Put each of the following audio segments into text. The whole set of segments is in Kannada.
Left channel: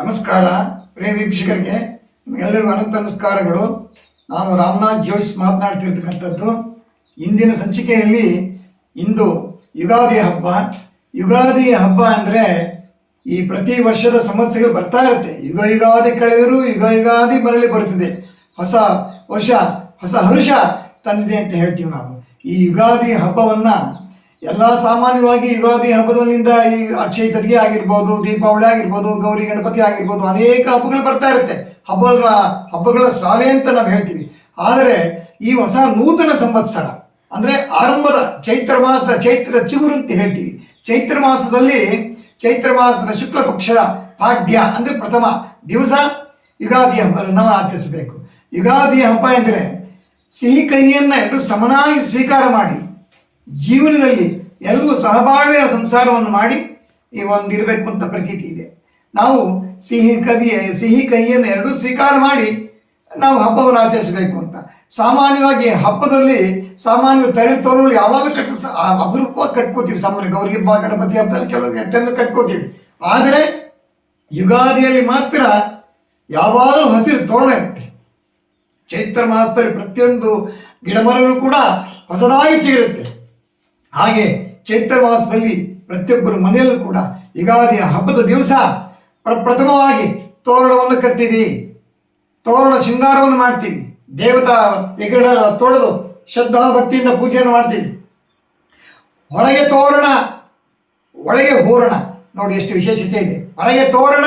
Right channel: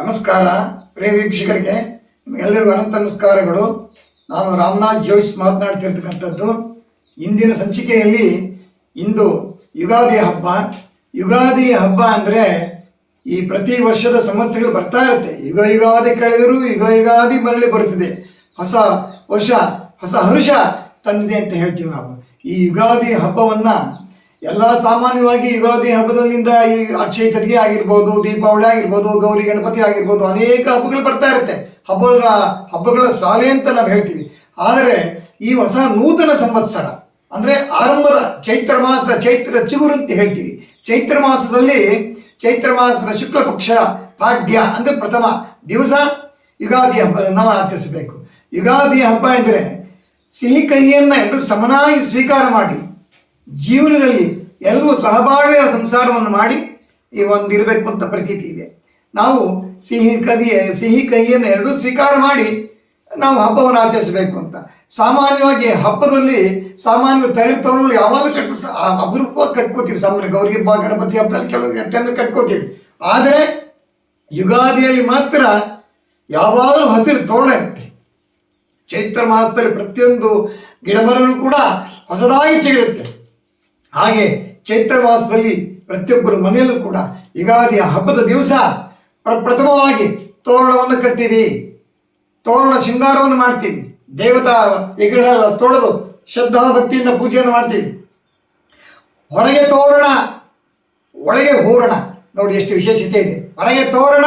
ನಮಸ್ಕಾರ ಪ್ರಿಯ ವೀಕ್ಷಕರಿಗೆ, ನಿಮಗೆಲ್ಲರಿಗೂ ಅನಂತ ನಮಸ್ಕಾರಗಳು. ನಾನು ರಾಮನಾಥ್ ಜೋಯ್ಸ್ ಮಾತನಾಡ್ತಿರ್ತಕ್ಕಂಥದ್ದು. ಇಂದಿನ ಸಂಚಿಕೆಯಲ್ಲಿ ಇಂದು ಯುಗಾದಿ ಹಬ್ಬ. ಯುಗಾದಿ ಹಬ್ಬ ಅಂದರೆ ಈ ಪ್ರತಿ ವರ್ಷದ ಸಂವತ್ಸರಗಳು ಬರ್ತಾ ಇರುತ್ತೆ. ಯುಗಾದಿ ಕಳೆದರೂ ಯುಗಾದಿ ಬರಲಿ ಬರುತ್ತದೆ. ಹೊಸ ವರ್ಷ ಹೊಸ ಹರುಷ ತಂದಿದೆ ಅಂತ ಹೇಳ್ತೀವಿ ನಾವು. ಈ ಯುಗಾದಿ ಹಬ್ಬವನ್ನು ಎಲ್ಲ ಸಾಮಾನ್ಯವಾಗಿ ಯುಗಾದಿ ಹಬ್ಬದಲ್ಲಿಂದ ಈ ಅಕ್ಷಯ ತದಿಗೆ ಆಗಿರ್ಬೋದು, ದೀಪಾವಳಿ ಆಗಿರ್ಬೋದು, ಗೌರಿ ಗಣಪತಿ ಆಗಿರ್ಬೋದು, ಅನೇಕ ಹಬ್ಬಗಳು ಬರ್ತಾ ಇರುತ್ತೆ. ಹಬ್ಬಗಳ ಸಾಲೆ ಅಂತ ನಾವು ಹೇಳ್ತೀವಿ. ಆದರೆ ಈ ಹೊಸ ನೂತನ ಸಂವತ್ಸರ ಅಂದರೆ ಆರಂಭದ ಚೈತ್ರ ಚಿಗುರು ಅಂತ ಹೇಳ್ತೀವಿ. ಚೈತ್ರ ಮಾಸದ ಶುಕ್ಲ ಪಕ್ಷ ಪಾಡ್ಯ ಅಂದರೆ ಪ್ರಥಮ ದಿವಸ ಯುಗಾದಿ ಹಬ್ಬ ನಾವು ಆಚರಿಸಬೇಕು. ಯುಗಾದಿ ಹಬ್ಬ ಎಂದರೆ ಸಿಹಿ ಕಹಿಯನ್ನು ಎರಡು ಸಮನಾಗಿ ಸ್ವೀಕಾರ ಮಾಡಿ ಜೀವನದಲ್ಲಿ ಎಲ್ಲವೂ ಸಹಬಾಳ್ವೆಯ ಸಂಸಾರವನ್ನು ಮಾಡಿ ಈ ಒಂದಿರಬೇಕು ಅಂತ ಪ್ರತೀತಿ ಇದೆ. ನಾವು ಸಿಹಿ ಕಹಿಯನ್ನು ಎರಡೂ ಸ್ವೀಕಾರ ಮಾಡಿ ನಾವು ಹಬ್ಬವನ್ನು ಆಚರಿಸಬೇಕು ಅಂತ. ಸಾಮಾನ್ಯವಾಗಿ ಹಬ್ಬದಲ್ಲಿ ತರಳು ತೋರಣಗಳು ಯಾವಾಗ ಅಪರೂಪವಾಗಿ ಕಟ್ಕೋತೀವಿ. ಸಾಮಾನ್ಯ ಗೌರಿ ಹಬ್ಬ, ಗಣಪತಿ ಹಬ್ಬದಲ್ಲಿ ಕೆಲವು ಕಟ್ಕೋತೀವಿ. ಆದರೆ ಯುಗಾದಿಯಲ್ಲಿ ಮಾತ್ರ ಯಾವಾಗಲೂ ಹಸಿರು ತೋರಣ ಇರುತ್ತೆ. ಚೈತ್ರ ಮಾಸದಲ್ಲಿ ಪ್ರತಿಯೊಂದು ಗಿಡಮರಗಳು ಕೂಡ ಹೊಸದಾಗಿ ಚಿಗುರುತ್ತೆ. ಹಾಗೆ ಚೈತ್ರ ಮಾಸದಲ್ಲಿ ಪ್ರತಿಯೊಬ್ಬರ ಮನೆಯಲ್ಲೂ ಕೂಡ ಯುಗಾದಿಯ ಹಬ್ಬದ ದಿವಸ ಪ್ರಥಮವಾಗಿ ತೋರಣವನ್ನು ಕಟ್ತೀವಿ, ತೋರಣ ಶೃಂಗಾರವನ್ನು ಮಾಡ್ತೀವಿ, ದೇವತಾ ವಿಗ್ರಹ ತೊಳೆದು ಶ್ರದ್ಧಾ ಭಕ್ತಿಯಿಂದ ಪೂಜೆಯನ್ನು ಮಾಡ್ತೀವಿ. ಹೊರಗೆ ತೋರಣ ಒಳಗೆ ಹೂರಣ. ನೋಡಿ ಎಷ್ಟು ವಿಶೇಷತೆ ಇದೆ. ಹೊರಗೆ ತೋರಣ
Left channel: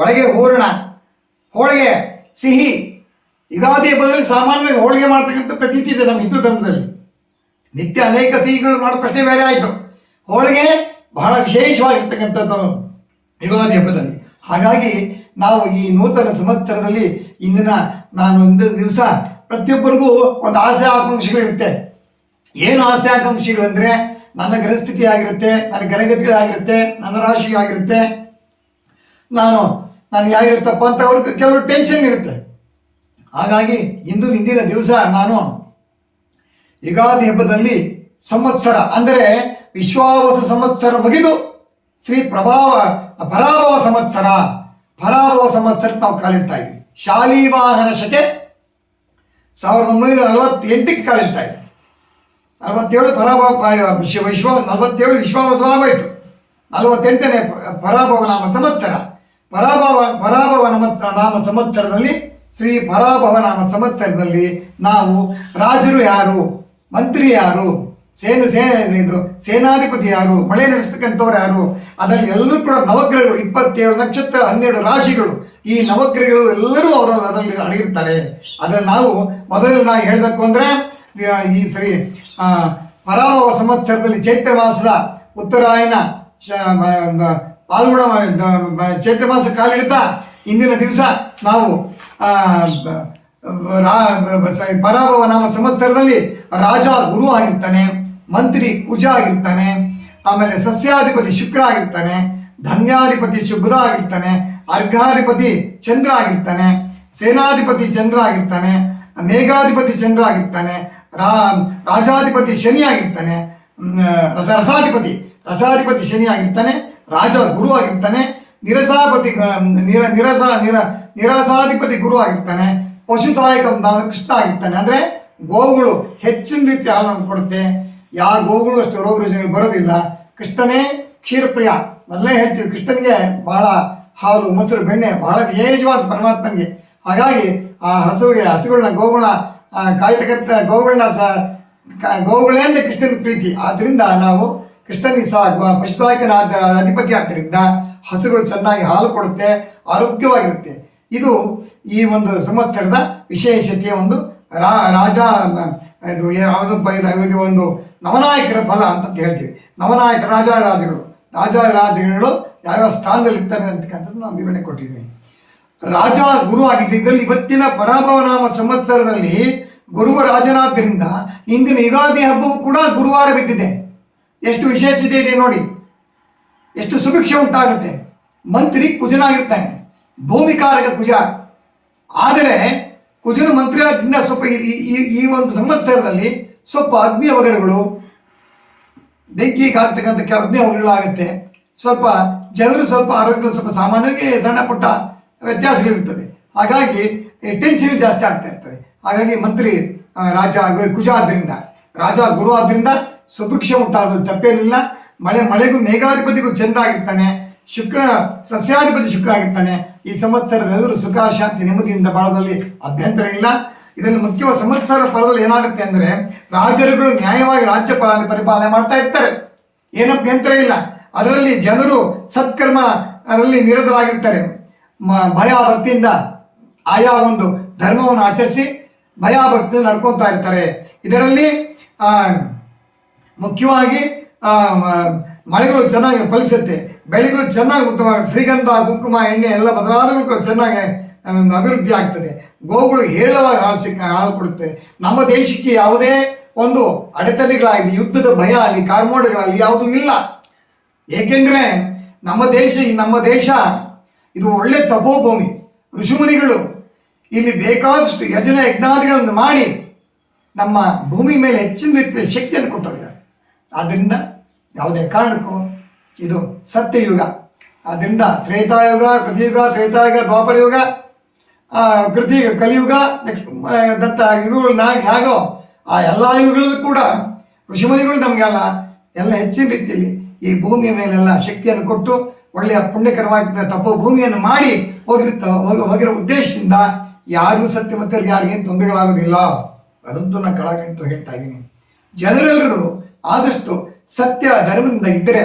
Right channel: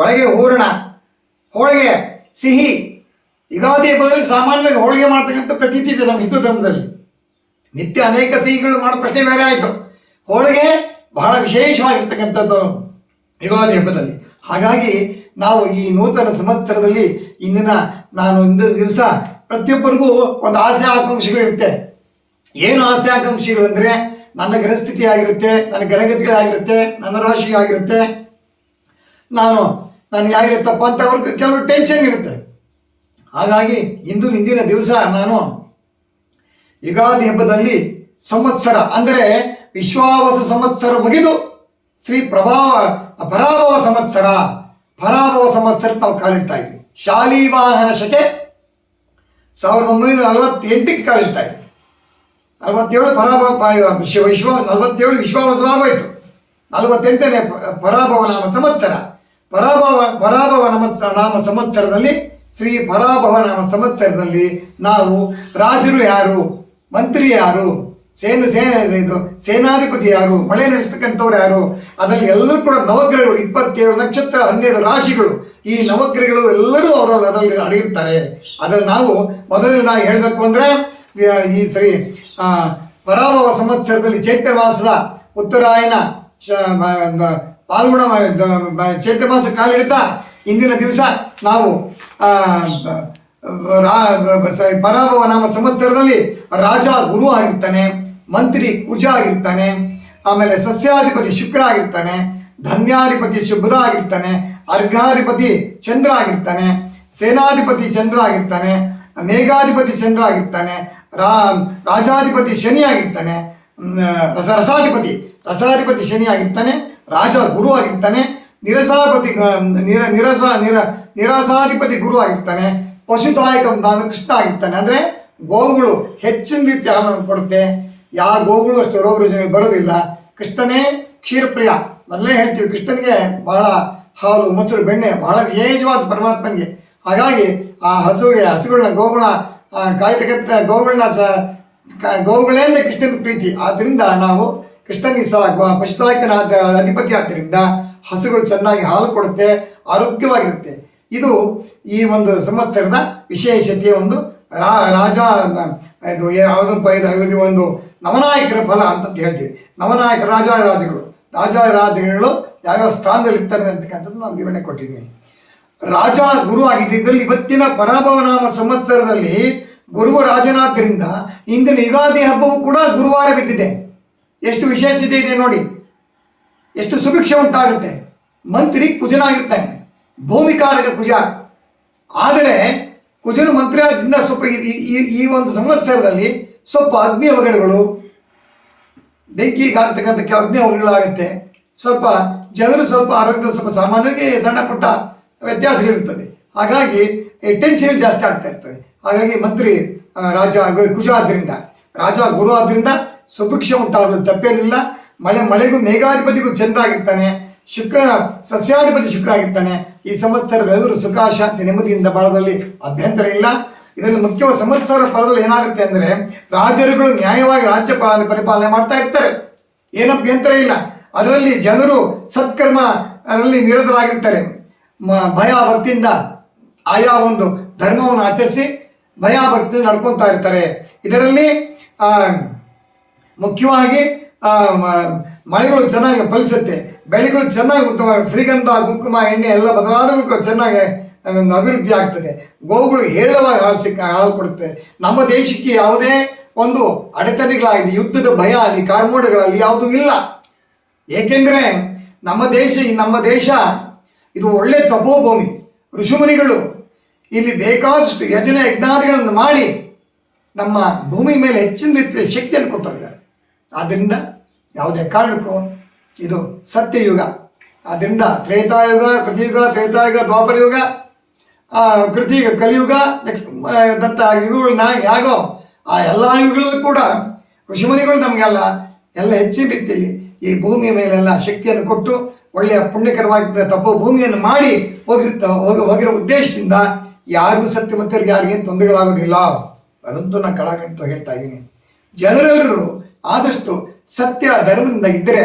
ಒಳಗೆ ಹೂರಣ. ಹೋಳಿಗೆ ಸಿಹಿ. ಯುಗಾದಿ ಹಬ್ಬದಲ್ಲಿ ಸಾಮಾನ್ಯವಾಗಿ ಹೋಳಿಗೆ ಮಾಡ್ತಕ್ಕಂಥ ಪ್ರತೀತಿ ಇದೆ ನಮ್ಮ ಹಿಂದೂ ಧರ್ಮದಲ್ಲಿ. ನಿತ್ಯ ಅನೇಕ ಸಿಹಿಗಳು ಮಾಡೋ ಪ್ರಶ್ನೆ ಬೇರೆ ಆಯಿತು. ಹೋಳಿಗೆ ಬಹಳ ವಿಶೇಷವಾಗಿರ್ತಕ್ಕಂಥದ್ದು ಯುಗಾದಿ ಹಬ್ಬದಲ್ಲಿ. ಹಾಗಾಗಿ ನಾವು ಈ ನೂತನ ಸಂವತ್ಸರದಲ್ಲಿ ಇಂದಿನ ದಿವಸ ಪ್ರತಿಯೊಬ್ಬರಿಗೂ ಒಂದು ಆಸೆ ಆಕಾಂಕ್ಷೆಗಳಿರುತ್ತೆ. ಏನು ಆಸೆ ಆಕಾಂಕ್ಷೆಗಳು ಅಂದರೆ ನನ್ನ ಗ್ರಹಸ್ಥಿತಿ ಆಗಿರುತ್ತೆ, ನನ್ನ ಗ್ರಹಗತಿಗಳಾಗಿರುತ್ತೆ, ನನ್ನ ರಾಶಿ ಆಗಿರುತ್ತೆ, ನನಗೆ ಆಗಿರುತ್ತಪ್ಪ ಅಂತ ಅವ್ರಿಗೆ ಕೆಲವು ಟೆನ್ಷನ್ ಇರುತ್ತೆ. ಹಾಗಾಗಿ ಇಂದಿನ ದಿವಸ ನಾನು ಯುಗಾದಿ ಹಬ್ಬದಲ್ಲಿ ಸಂವತ್ಸರ ಅಂದರೆ ವಿಶ್ವಾವಸು ಸಂವತ್ಸರ ಮುಗಿದು ಶ್ರೀ ಪರಾಭವ ಸಂವತ್ಸರ ನಾವು ಕಾಲಿಡ್ತಾ ಇದ್ದೀವಿ. ಶಾಲಿವಾಹನ ಶಕೆ 1948ಕ್ಕೆ ಕಾಲಿಡ್ತಾ ಇದ್ದೀವಿ. 47 ವಿಶ್ವಾವಸವಾಗೋಯ್ತು. 48ನೇ ಪರಾಭವ ನಾಮ ಸಂವತ್ಸರ. ಪರಾಭವ ನಾಮ ಸಂವತ್ಸರದಲ್ಲಿ ಶ್ರೀ ಪರಾಭವ ನಾಮ ಸಂವತ್ಸರದಲ್ಲಿ ನಾವು ರಾಜರು ಯಾರು, ಮಂತ್ರಿ ಯಾರು, ಸೇನಾಧಿಪತಿ ಯಾರು, ಮಳೆ ನಡೆಸ್ತಕ್ಕಂಥವ್ರು ಯಾರು, ಅದರಲ್ಲಿ ಎಲ್ಲರೂ ಕೂಡ ನವಗ್ರಹಗಳು 27 ನಕ್ಷತ್ರ 12 ರಾಶಿಗಳು. ಈ ನವಗ್ರಹಗಳು ಎಲ್ಲರೂ ಅದರಲ್ಲಿ ಅಡಗಿರ್ತಾರೆ. ಅದರಲ್ಲಿ ನಾವು ಹೇಳಬೇಕು ಅಂದರೆ ಈ ಶ್ರೀ ಪರಾಭವ ಸಂವತ್ಸರದಲ್ಲಿ ಚೈತ್ರ ಮಾಸದ ಉತ್ತರಾಯಣ ಪಾಲ್ಗುಣ ಚೈತ್ರ ಮಾಸ ಕಾಲಿಡ್ತಾ ಇಂದಿನ ದಿವಸ ನಾವು ಪರಾಭವ ನಾಮ ಸಂವತ್ಸರದಲ್ಲಿ ರಾಜ ಗುರು ಆಗಿರ್ತಾನೆ, ಮಂತ್ರಿ ಕುಜ ಆಗಿರ್ತಾನೆ, ಆಮೇಲೆ ಸಸ್ಯಾಧಿಪತಿ ಶುಕ್ರ ಆಗಿರ್ತಾನೆ, ಧನ್ಯಾಧಿಪತಿ ಬುಧ ಆಗಿರ್ತಾನೆ, ಅರ್ಘಾಧಿಪತಿ ಚಂದ್ರ ಆಗಿರ್ತಾನೆ, ಸೇನಾಧಿಪತಿ ಚಂದ್ರ ಆಗಿರ್ತಾನೆ, ಮೇಘಾಧಿಪತಿ ಚಂದ್ರ ಆಗಿರ್ತಾನೆ, ರಾಜಾಧಿಪತಿ ಶನಿ ಆಗಿರ್ತಾನೆ, ರಸಾಧಿಪತಿ ಶನಿ ಆಗಿರ್ತಾನೆ, ರಾಜ ಗುರು ಆಗಿರ್ತಾನೆ, ನಿರಾಸಾಧಿಪತಿ ಗುರು ಆಗಿರ್ತಾನೆ, ಪಶುದಾಯಕ ಕೃಷ್ಣ ಆಗಿರ್ತಾನೆ. ಅಂದರೆ ಗೋವುಗಳು ಹೆಚ್ಚಿನ ರೀತಿ ಹಾಲನ್ನು ಕೊಡುತ್ತೆ. ಯಾವ ಗೋವುಗಳು ಅಷ್ಟು ರೋಗ ರುಜಿನಗಳು ಬರೋದಿಲ್ಲ. ಕೃಷ್ಣನೇ ಕ್ಷೀರಪ್ರಿಯ. ಮೊದಲೇ ಹೇಳ್ತೀವಿ, ಕೃಷ್ಣನಿಗೆ ಬಹಳ ಹಾಲು ಮೊಸರು ಬೆಣ್ಣೆ ಬಹಳ ವಿಶೇಷವಾದ ಪರಮಾತ್ಮನಿಗೆ. ಹಾಗಾಗಿ ಆ ಹಸುಗಳನ್ನ ಗೋವುಗಳನ್ನ ಕಾಯ್ತಕ್ಕಂಥ ಗೋವುಗಳೇ ಅಂದರೆ ಕೃಷ್ಣನ ಪ್ರೀತಿ. ಆದ್ದರಿಂದ ನಾವು ಕೃಷ್ಣನಿಗೆ ಪಶುದಾಯಕನ ಅಧಿಪತಿ ಆದ್ದರಿಂದ ಹಸುಗಳು ಚೆನ್ನಾಗಿ ಹಾಲು ಕೊಡುತ್ತೆ, ಆರೋಗ್ಯವಾಗಿರುತ್ತೆ. ಇದು ಈ ಒಂದು ಸಂವತ್ಸರದ ವಿಶೇಷತೆಯ ಒಂದು ಒಂದು ನವನಾಯಕರ ಫಲ ಅಂತ ಹೇಳ್ತೀವಿ. ನವನಾಯಕ ರಾಜರುಗಳು ಯಾವ್ಯಾವ ಸ್ಥಾನದಲ್ಲಿ ಇರ್ತಾರೆ ಅಂತಕ್ಕಂಥದ್ದು ನಾವು ವಿವರಣೆ ಕೊಟ್ಟಿದ್ದೀವಿ. ರಾಜ ಗುರು ಆಗಿದ್ದರಿಂದ ಇವತ್ತಿನ ಪರಾಭವ ನಾಮ ಸಂವತ್ಸರದಲ್ಲಿ ಗುರುವ ರಾಜನಾದ್ದರಿಂದ ಇಂದಿನ ಯುಗಾದಿ ಹಬ್ಬವು ಕೂಡ ಗುರುವಾರ ಬಿದ್ದಿದೆ. ಎಷ್ಟು ವಿಶೇಷತೆ ಇದೆ ನೋಡಿ, ಎಷ್ಟು ಸುಭಿಕ್ಷೆ ಉಂಟಾಗುತ್ತೆ. ಮಂತ್ರಿ ಕುಜನಾಗಿರ್ತಾನೆ, ಭೂಮಿಕಾರಕ ಕುಜ. ಆದರೆ ಕುಜನ ಮಂತ್ರಿ ಆದ್ದರಿಂದ ಸ್ವಲ್ಪ ಈ ಒಂದು ಸಂವತ್ಸರದಲ್ಲಿ ಸ್ವಲ್ಪ ಅಗ್ನಿ ಅವಘಡಗಳು, ಬೆಂಕಿಗೆ ಆಗ್ತಕ್ಕಂಥ ಅಗ್ನಿ ಅವಘಡಗಳಾಗುತ್ತೆ. ಸ್ವಲ್ಪ ಜನರು ಸ್ವಲ್ಪ ಆರೋಗ್ಯದ ಸ್ವಲ್ಪ ಸಾಮಾನ್ಯವಾಗಿ ಸಣ್ಣ ಪುಟ್ಟ ವ್ಯತ್ಯಾಸಗಳಿರ್ತದೆ. ಹಾಗಾಗಿ ಟೆನ್ಷನ್ ಜಾಸ್ತಿ ಆಗ್ತಾ ಇರ್ತದೆ. ಹಾಗಾಗಿ ಮಂತ್ರಿ ರಾಜ ಕುಜ ಆದ್ದರಿಂದ, ರಾಜ ಗುರು ಆದ್ದರಿಂದ ಸುಭಿಕ್ಷ ಉಂಟಾಗೋದು ತಪ್ಪೇನಿಲ್ಲ. ಮಳೆಗೂ ಮೇಘಾಧಿಪತಿಗೂ ಚಂದ್ರ ಆಗಿರ್ತಾನೆ, ಶುಕ್ರ ಸಸ್ಯಾಧಿಪತಿ ಶುಕ್ರ ಆಗಿರ್ತಾನೆ. ಈ ಸಂವತ್ಸರದಲ್ಲರೂ ಸುಖ ಶಾಂತಿ ನೆಮ್ಮದಿಯಿಂದ ಬಾಳೋದ್ರಲ್ಲಿ ಅಭ್ಯಂತರ ಇಲ್ಲ. ಇದರಲ್ಲಿ ಮುಖ್ಯವಾದ ಸಂವತ್ಸರ ಫಲದಲ್ಲಿ ಏನಾಗುತ್ತೆ ಅಂದರೆ ರಾಜರುಗಳು ನ್ಯಾಯವಾಗಿ ರಾಜ್ಯ ಪರಿಪಾಲನೆ ಮಾಡ್ತಾ ಇರ್ತಾರೆ, ಏನು ಅಭ್ಯಂತರ ಇಲ್ಲ. ಅದರಲ್ಲಿ ಜನರು ಸತ್ಕರ್ಮ ಅದರಲ್ಲಿ ನಿರತರಾಗಿರ್ತಾರೆ. ಭಯ ಭಕ್ತಿಯಿಂದ ಆಯಾ ಒಂದು ಧರ್ಮವನ್ನು ಆಚರಿಸಿ ಭಯ ಭಕ್ತಿಯಿಂದ ನಡ್ಕೊತಾ ಇರ್ತಾರೆ. ಇದರಲ್ಲಿ ಮುಖ್ಯವಾಗಿ ಮಳೆಗಳು ಚೆನ್ನಾಗಿ ಫಲಿಸುತ್ತೆ, ಬೆಳೆಗಳು ಚೆನ್ನಾಗಿ ಉತ್ತಮವಾಗಿ ಶ್ರೀಗಂಧ ಕುಂಕುಮ ಎಣ್ಣೆ ಎಲ್ಲ ಬದಲಾದಗಳು ಚೆನ್ನಾಗಿ ಅಭಿವೃದ್ಧಿ ಆಗ್ತದೆ. ಗೋವುಗಳು ಹೇರಳವಾಗಿ ಹಾಲು ಕೊಡುತ್ತೆ. ನಮ್ಮ ದೇಶಕ್ಕೆ ಯಾವುದೇ ಒಂದು ಅಡೆತಡೆಗಳಾಗಿದೆ, ಯುದ್ಧದ ಭಯ ಅಲ್ಲಿ ಕಾರ್ಮೋಡಗಳಲ್ಲಿ ಯಾವುದೂ ಇಲ್ಲ. ಏಕೆಂದರೆ ನಮ್ಮ ದೇಶ ಇದು ಒಳ್ಳೆ ತಪೋಭೂಮಿ. ಋಷಿಮುನಿಗಳು ಇಲ್ಲಿ ಬೇಕಾದಷ್ಟು ಯಜನೆ ಯಜ್ಞಾದಿಗಳನ್ನು ಮಾಡಿ ನಮ್ಮ ಭೂಮಿ ಮೇಲೆ ಹೆಚ್ಚಿನ ರೀತಿಯ ಶಕ್ತಿಯನ್ನು ಕೊಟ್ಟೋಗಿದ್ದಾರೆ. ಆದ್ದರಿಂದ ಯಾವುದೇ ಕಾರಣಕ್ಕೂ ಇದು ಸತ್ಯಯುಗ. ಆದ್ದರಿಂದ ತ್ರೇತಾಯುಗ, ಕೃತಿಯುಗ, ತ್ರೇತಾಯುಗ, ದ್ವಾಪರಯುಗ, ಕಲಿಯುಗ ದತ್ತ ಯುಗಗಳನ್ನ ಹೇಗೋ ಆ ಎಲ್ಲ ಯುಗಗಳಲ್ಲೂ ಕೂಡ ಋಷಿಮುನಿಗಳು ನಮಗೆಲ್ಲ ಹೆಚ್ಚಿನ ರೀತಿಯಲ್ಲಿ ಈ ಭೂಮಿಯ ಮೇಲೆಲ್ಲ ಶಕ್ತಿಯನ್ನು ಕೊಟ್ಟು ಒಳ್ಳೆಯ ಪುಣ್ಯಕರವಾಗಿದ್ದ ತಪ್ಪೋ ಭೂಮಿಯನ್ನು ಮಾಡಿ ಹೋಗಿರೋ ಉದ್ದೇಶದಿಂದ ಯಾರೂ ಸತ್ಯವಂತರಿಗೆ ಯಾರಿಗೇನು ತೊಂದರೆಗಳಾಗೋದಿಲ್ಲ. ಅದಂತೂ ನಾನು ಕಳಕಳಿತ ಹೇಳ್ತಾ ಇದ್ದೀನಿ. ಜನರೆಲ್ಲರೂ ಆದಷ್ಟು ಸತ್ಯ ಧರ್ಮದಿಂದ ಇದ್ದರೆ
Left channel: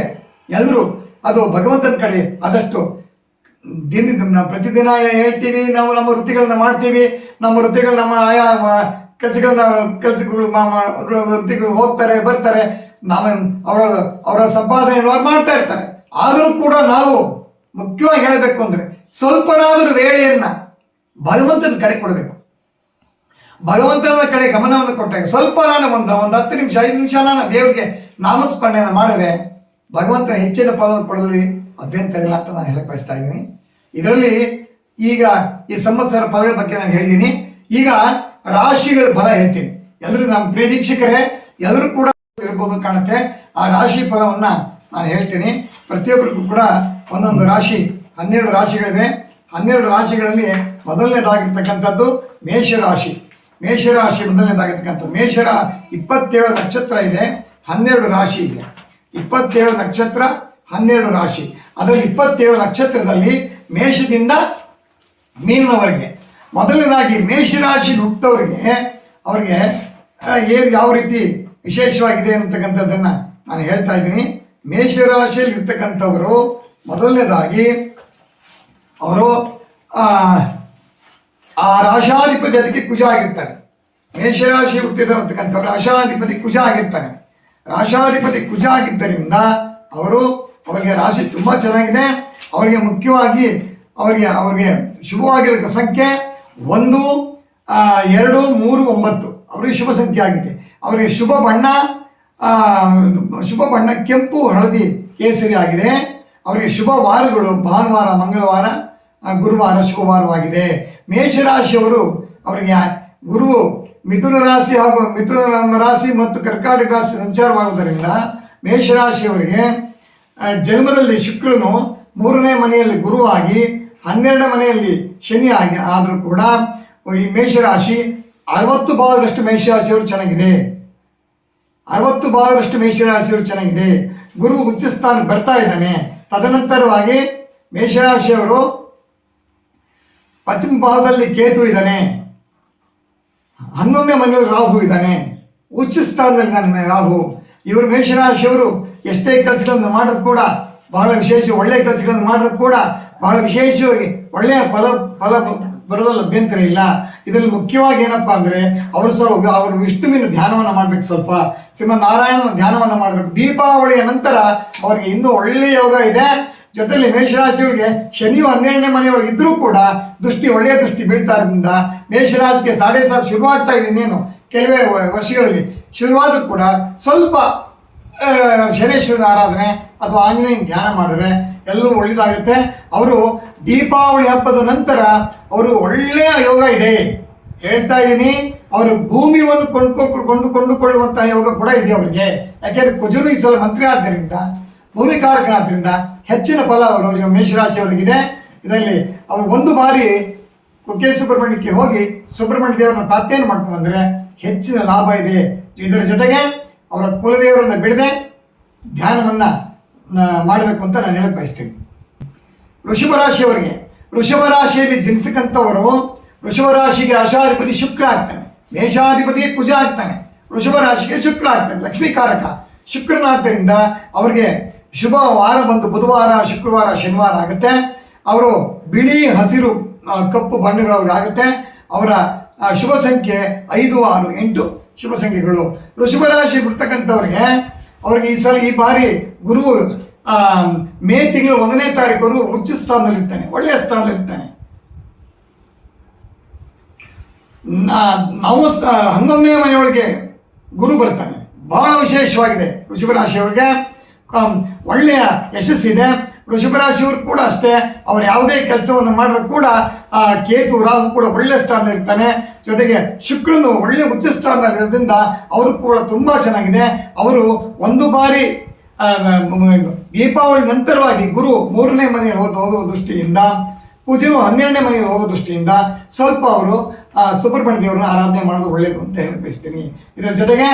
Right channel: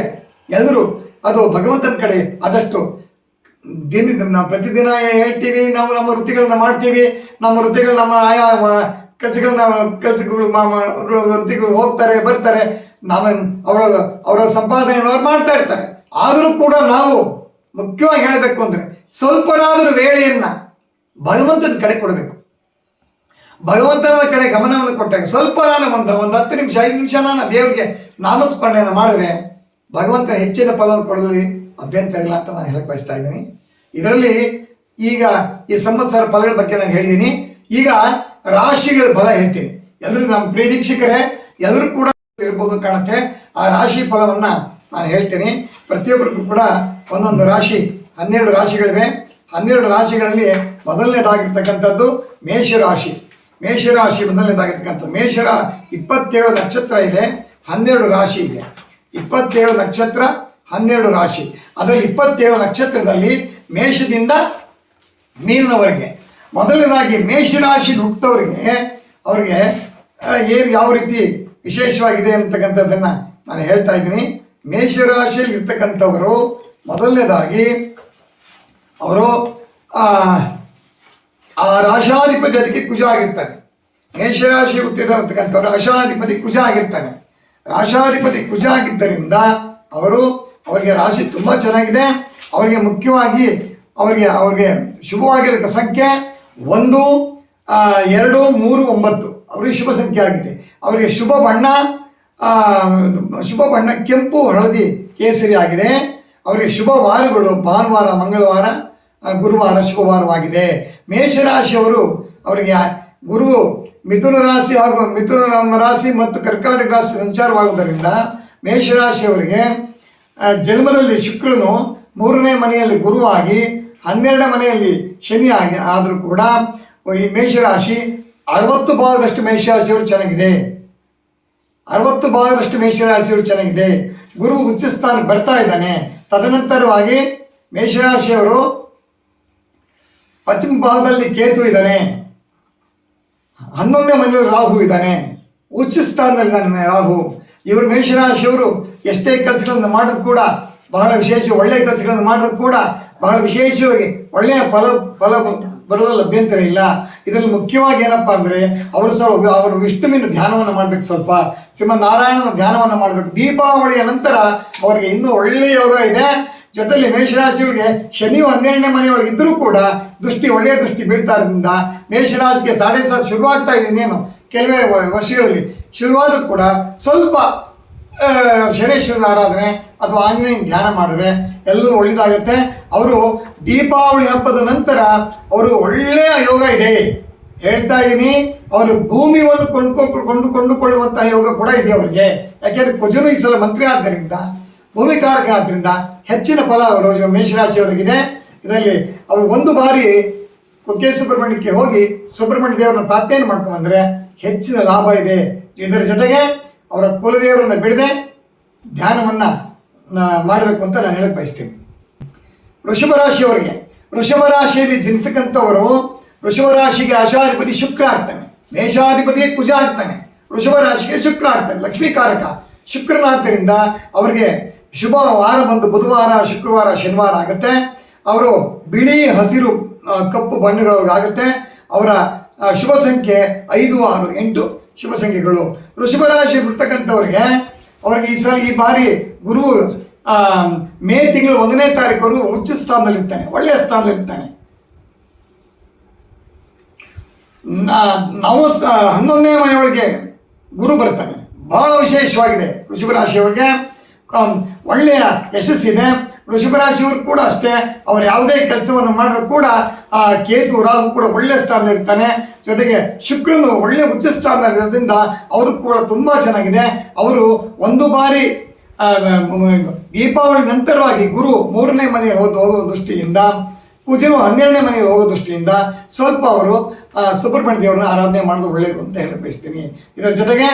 ಎಲ್ಲರೂ ಅದು ಭಗವಂತನ ಕಡೆ ಆದಷ್ಟು ನಾವು ಪ್ರತಿದಿನ ಹೇಳ್ತೀವಿ, ನಾವು ನಮ್ಮ ವೃತ್ತಿಗಳನ್ನ ಮಾಡ್ತೀವಿ, ನಮ್ಮ ವೃತ್ತಿಗಳು ನಮ್ಮ ಆಯಾ ವೃತ್ತಿಗಳು ಹೋಗ್ತಾರೆ ಬರ್ತಾರೆ, ಅವರ ಸಂಪಾದನೆಯನ್ನು ಅವ್ರು ಮಾಡ್ತಾ ಇರ್ತಾರೆ. ಆದರೂ ಕೂಡ ನಾವು ಮುಖ್ಯವಾಗಿ ಹೇಳಬೇಕು ಅಂದರೆ ಸ್ವಲ್ಪನಾದರೂ ವೇಳೆಯನ್ನು ಭಗವಂತನ ಕಡೆ ಕೊಡಬೇಕು. ಭಗವಂತನ ಕಡೆ ಗಮನವನ್ನು ಕೊಟ್ಟಾಗ ಸ್ವಲ್ಪ ಒಂದು 10 ನಿಮಿಷ 5 ನಿಮಿಷ ದೇವರಿಗೆ ನಾಮಸ್ಮರಣೆಯನ್ನು ಮಾಡಿದ್ರೆ ಭಗವಂತನ ಹೆಚ್ಚಿನ ಫಲವನ್ನು ಕೊಡಲಿ ಅಭ್ಯಂತರ ಇಲ್ಲ ಅಂತ ನಾನು ಹೇಳಕ್ಕೆ ಬಯಸ್ತಾ ಇದ್ದೀನಿ. ಇದರಲ್ಲಿ ಈಗ ಈ ಸಂವತ್ಸರ ಫಲಗಳ ಬಗ್ಗೆ ನಾನು ಹೇಳಿದ್ದೀನಿ. ಈಗ ರಾಶಿಗಳ ಫಲ ಹೇಳ್ತೀನಿ. ಎಲ್ಲರೂ ನಮ್ಮ ಪ್ರಿಯ ವೀಕ್ಷಕರೇ ಎಲ್ಲರೂ ಕೂಡ ಇರ್ಬೋದು ಕಾಣುತ್ತೆ. ಆ ರಾಶಿ ಫಲವನ್ನು ನಾನು ಹೇಳ್ತೀನಿ. ಪ್ರತಿಯೊಬ್ಬರಿಗೂ ಕೂಡ ಒಂದೊಂದು ರಾಶಿ, 12 ರಾಶಿಗಳಿವೆ. 12 ರಾಶಿಗಳಲ್ಲಿ ಮೊದಲನೇದಾಗಿರ್ತಕ್ಕಂಥದ್ದು ಮೇಷರಾಶಿ. ಮೇಷರಾಶಿ ಮೊದಲನೇದಾಗಿರ್ತಕ್ಕಂಥದ್ದು ಮೇಷರ 27 ನಕ್ಷತ್ರ ಇದೆ, 12 ರಾಶಿ ಇದೆ. 27 ನಕ್ಷತ್ರ 12 ರಾಶಿ. ಅದರಲ್ಲಿ 27 ನಕ್ಷತ್ರದಲ್ಲಿ ಮೇಷದಿಂದ ಮೀನವರೆಗೆ ಮೊದಲನೇದಾಗಿ ಮೇಷರಾಶಿ ಹುಟ್ಟುತ್ತವರಿಗೆ ಅವ್ರಿಗೆ ಯಾವ ರೀತಿ ವಿಶೇಷವಾಗಿದೆ ಅಂತಕ್ಕಂಥದ್ದನ್ನು ನಾನು ಹೇಳ್ತಾ ಇದ್ದೀನಿ. ಮೇಷರಾಶಿಯಲ್ಲಿ ಇರ್ತಕ್ಕಂಥವರು ಮೊದಲನೇದಾಗಿ ಅವರು ಆ ರಾಶಾಧಿಪತಿ ಅದಕ್ಕೆ ಕುಜ ಆಗಿರ್ತಾನೆ. ಮೇಷರಾಶಿ ಹುಟ್ಟಿರತಕ್ಕಂಥವ್ರು ರಾಶಾಧಿಪತಿ ಕುಜ ಆಗಿರ್ತಾನೆ. ರಾಶಾಧಿಪತಿ ಕುಜ ಆಗಿದ್ದರಿಂದ ಅವರಿಗೆ ರಾಶಿ ತುಂಬ ಚೆನ್ನಾಗಿದೆ. ಅವರಿಗೆ ಮುಖ್ಯವಾಗಿ ಅವರಿಗೆ ಶುಭವಾಗಿರೋ ಸಂಖ್ಯೆ 1, 2, 3, 9 ಅವರಿಗೆ ಶುಭ ಸಂಖ್ಯೆ ಆಗಿದೆ. ಅವರಿಗೆ ಶುಭ ಬಣ್ಣ ಕೆಂಪು, ಹಳದಿ, ಕೇಸರಿ ಆಗಿದೆ. ಅವರಿಗೆ ಶುಭ ವಾರಗಳು ಭಾನುವಾರ, ಮಂಗಳವಾರ, ಗುರುವಾರ ಶುಭವಾರವಾಗಿದೆ. ಮೇಷರಾಶಿಯವರು ಅವರಿಗೆ ಗುರು ಮಿಥುನ ರಾಶಿ ಹಾಗೂ ಮಿಥುನ ರಾಶಿ ಮತ್ತು ಕರ್ಕಾಟಕ ರಾಶಿ ಸಂಚಾರವಾಗುವುದರಿಂದ ಮೇಷರಾಶಿಯವರಿಗೆ ಜನ್ಮದಲ್ಲಿ ಶುಕ್ರನು 3ನೇ ಮನೆಯಲ್ಲಿ ಗುರುವಾಗಿ 12ನೇ ಮನೆಯಲ್ಲಿ ಶನಿ ಆಗಿ ಆದರೂ ಕೂಡ ಈ ಮೇಷರಾಶಿ 60 ಭಾಗದಷ್ಟು ಮೇಷರಾಶಿಯವರು ಚೆನ್ನಾಗಿದೆ. 60 ಭಾಗದಷ್ಟು ಮೇಷರಾಶಿಯವರು ಚೆನ್ನಾಗಿದೆ. ಗುರು ಉಚ್ಚ ಸ್ಥಾನಕ್ಕೆ ಬರ್ತಾ ಇದ್ದಾನೆ. ತದನಂತರವಾಗಿ ಮೇಷರಾಶಿಯವರು ಪಶ್ಚಿಮ ಭಾಗದಲ್ಲಿ ಕೇತು ಇದ್ದಾನೆ, 11ನೇ ಮನೆಯಲ್ಲಿ ರಾಹು ಇದ್ದಾನೆ, ಉಚ್ಚ ಸ್ಥಾನದಲ್ಲಿದ್ದಾನೆ ರಾಹು. ಇವರು ಮೇಷರಾಶಿಯವರು ಎಷ್ಟೇ ಕೆಲಸಗಳನ್ನು ಮಾಡೋದು ಕೂಡ ಬಹಳ ವಿಶೇಷ, ಒಳ್ಳೆಯ ಕೆಲಸಗಳನ್ನು ಮಾಡೋದು ಕೂಡ ಬಹಳ ವಿಶೇಷವಾಗಿ ಒಳ್ಳೆಯ ಫಲ ಬರೋದ್ರಲ್ಲಿ ಅಭ್ಯಂತರ ಇಲ್ಲ. ಇದರಲ್ಲಿ ಮುಖ್ಯವಾಗಿ ಏನಪ್ಪ ಅಂದರೆ ಅವರು ವಿಷ್ಣುವಿನ ಧ್ಯಾನವನ್ನು ಮಾಡಬೇಕು, ಸ್ವಲ್ಪ ಶ್ರೀಮನ್ನಾರಾಯಣನ ಧ್ಯಾನವನ್ನು ಮಾಡಬೇಕು. ದೀಪಾವಳಿಯ ನಂತರ ಅವರಿಗೆ ಇನ್ನೂ ಒಳ್ಳೆಯ ಯೋಗ ಇದೆ. ಜೊತೆಯಲ್ಲಿ ಮೇಷರಾಶಿಯವರಿಗೆ ಶನಿಯು 12ನೇ ಮನೆಯೊಳಗೆ ಇದ್ದರೂ ಕೂಡ ಒಳ್ಳೆಯ ದೃಷ್ಟಿ ಬೀಳ್ತಾ ಇರೋದ್ರಿಂದ ಮೇಷರಾಶಿಗೆ 7.5 ಶುರುವಾಗ್ತಾ ಇದೆ. ಇನ್ನೇನು ಕೆಲವೇ ವರ್ಷಗಳಲ್ಲಿ ಶುರುವಾದರೂ ಕೂಡ ಸ್ವಲ್ಪ ಶನೇಶ್ವರನ ಆರಾಧನೆ ಅಥವಾ ಆಂಜನೇಯನ ಧ್ಯಾನ ಮಾಡಿದ್ರೆ ಎಲ್ಲರೂ ಒಳ್ಳೆಯದಾಗುತ್ತೆ. ಅವರು ದೀಪಾವಳಿ ಹಬ್ಬದ ನಂತರ ಅವರು ಒಳ್ಳೆಯ ಯೋಗ ಇದೆ ಹೇಳ್ತಾ ಇದ್ದೀನಿ. ಅವರು ಭೂಮಿಯನ್ನು ಕೊಂಡುಕೊಳ್ಳುವಂತಹ ಯೋಗ ಕೂಡ ಇದೆ ಅವರಿಗೆ. ಯಾಕೆಂದರೆ ಕುಜನು ಈ ಸಲ ಮಂತ್ರಿ ಆದ್ದರಿಂದ, ಭೂಮಿಕಾರಕನಾದ್ದರಿಂದ ಹೆಚ್ಚಿನ ಫಲ ಮೇಷರಾಶಿಯವರಿಗಿದೆ. ಇದರಲ್ಲಿ ಅವರು ಒಂದು ಬಾರಿ ಕುಕ್ಕೆ ಸುಬ್ರಹ್ಮಣ್ಯಕ್ಕೆ ಹೋಗಿ ಸುಬ್ರಹ್ಮಣ್ಯ ದೇವರನ್ನ ಪ್ರಾರ್ಥನೆ ಮಾಡ್ಕೊಂಡ್ಬಂದರೆ ಹೆಚ್ಚಿನ ಲಾಭ ಇದೆ. ಇದರ ಜೊತೆಗೆ ಅವರ ಕುಲದೇವರನ್ನು ಬಿಡದೆ ಧ್ಯಾನವನ್ನು ಮಾಡಬೇಕು ಅಂತ ನಾನು ಹೇಳಕ್ಕೆ ಬಯಸ್ತೀನಿ. ವೃಷಭ ರಾಶಿಯವರಿಗೆ, ವೃಷಭ ರಾಶಿಯಲ್ಲಿ ಜನಿಸ್ತಕ್ಕಂಥವರು, ವೃಷಭ ರಾಶಿಗೆ ರಾಶಾಧಿಪತಿ ಶುಕ್ರ ಆಗ್ತಾನೆ, ಮೇಷಾಧಿಪತಿ ಕುಜ ಆಗ್ತಾನೆ, ವೃಷಭ ರಾಶಿಗೆ ಶುಕ್ರ ಆಗ್ತಾನೆ, ಲಕ್ಷ್ಮೀಕಾರಕ ಶುಕ್ರನಾದ್ದರಿಂದ ಅವರಿಗೆ ಶುಭ ವಾರ ಬಂದು ಬುಧವಾರ, ಶುಕ್ರವಾರ, ಶನಿವಾರ ಆಗುತ್ತೆ. ಅವರು ಬಿಳಿ, ಹಸಿರು, ಕಪ್ಪು ಬಣ್ಣಗಳವ್ರಿಗೆ ಆಗುತ್ತೆ. ಅವರ ಶುಭ ಸಂಖ್ಯೆ 5, 6, 8 ಶುಭ ಸಂಖ್ಯೆಗಳು. ವೃಷಭ ರಾಶಿ ಬಿಡ್ತಕ್ಕಂಥವ್ರಿಗೆ ಅವ್ರಿಗೆ ಈ ಬಾರಿ ಗುರು ಮೇ ತಿಂಗಳು 1ನೇ ತಾರೀಕು ಉಚ್ಚ ಸ್ಥಾನದಲ್ಲಿರ್ತಾನೆ, ಒಳ್ಳೆಯ ಸ್ಥಾನದಲ್ಲಿರ್ತಾನೆ. ನಾವು 11ನೇ ಮನೆಯೊಳಗೆ ಗುರು ಬರ್ತಾನೆ. ಬಹಳ ವಿಶೇಷವಾಗಿದೆ. ವೃಷಭ ರಾಶಿಯವರಿಗೆ ಒಳ್ಳೆಯ ಯಶಸ್ಸಿದೆ. ವೃಷಭ ರಾಶಿಯವರು ಕೂಡ ಅಷ್ಟೇ, ಅವರು ಯಾವುದೇ ಕೆಲಸವನ್ನು ಮಾಡಿದ್ರು ಕೂಡ ಕೇತು, ರಾಹು ಕೂಡ ಒಳ್ಳೆಯ ಸ್ಥಾನದಲ್ಲಿರ್ತಾನೆ. ಜೊತೆಗೆ ಶುಕ್ರನು ಒಳ್ಳೆಯ ಉಚ್ಚ ಸ್ಥಾನದಲ್ಲಿರೋದ್ರಿಂದ ಅವರು ಕೂಡ ತುಂಬ ಚೆನ್ನಾಗಿದೆ. ಅವರು ಒಂದು ಬಾರಿ ದೀಪಾವಳಿ ನಂತರವಾಗಿ ಗುರು 3ನೇ ಮನೆಗೆ ಹೋಗೋ ದೃಷ್ಟಿಯಿಂದ, ಕುಜನು 12ನೇ ಮನೆಗೆ ಹೋಗೋ ದೃಷ್ಟಿಯಿಂದ ಸ್ವಲ್ಪ ಅವರು ಸುಬ್ರಹ್ಮಣ್ಯ ದೇವರನ್ನ ಆರಾಧನೆ ಮಾಡೋದು ಒಳ್ಳೆಯದು ಅಂತ ಹೇಳಕ್ಕೆ ಬಯಸ್ತೀನಿ. ಇದರ ಜೊತೆಗೆ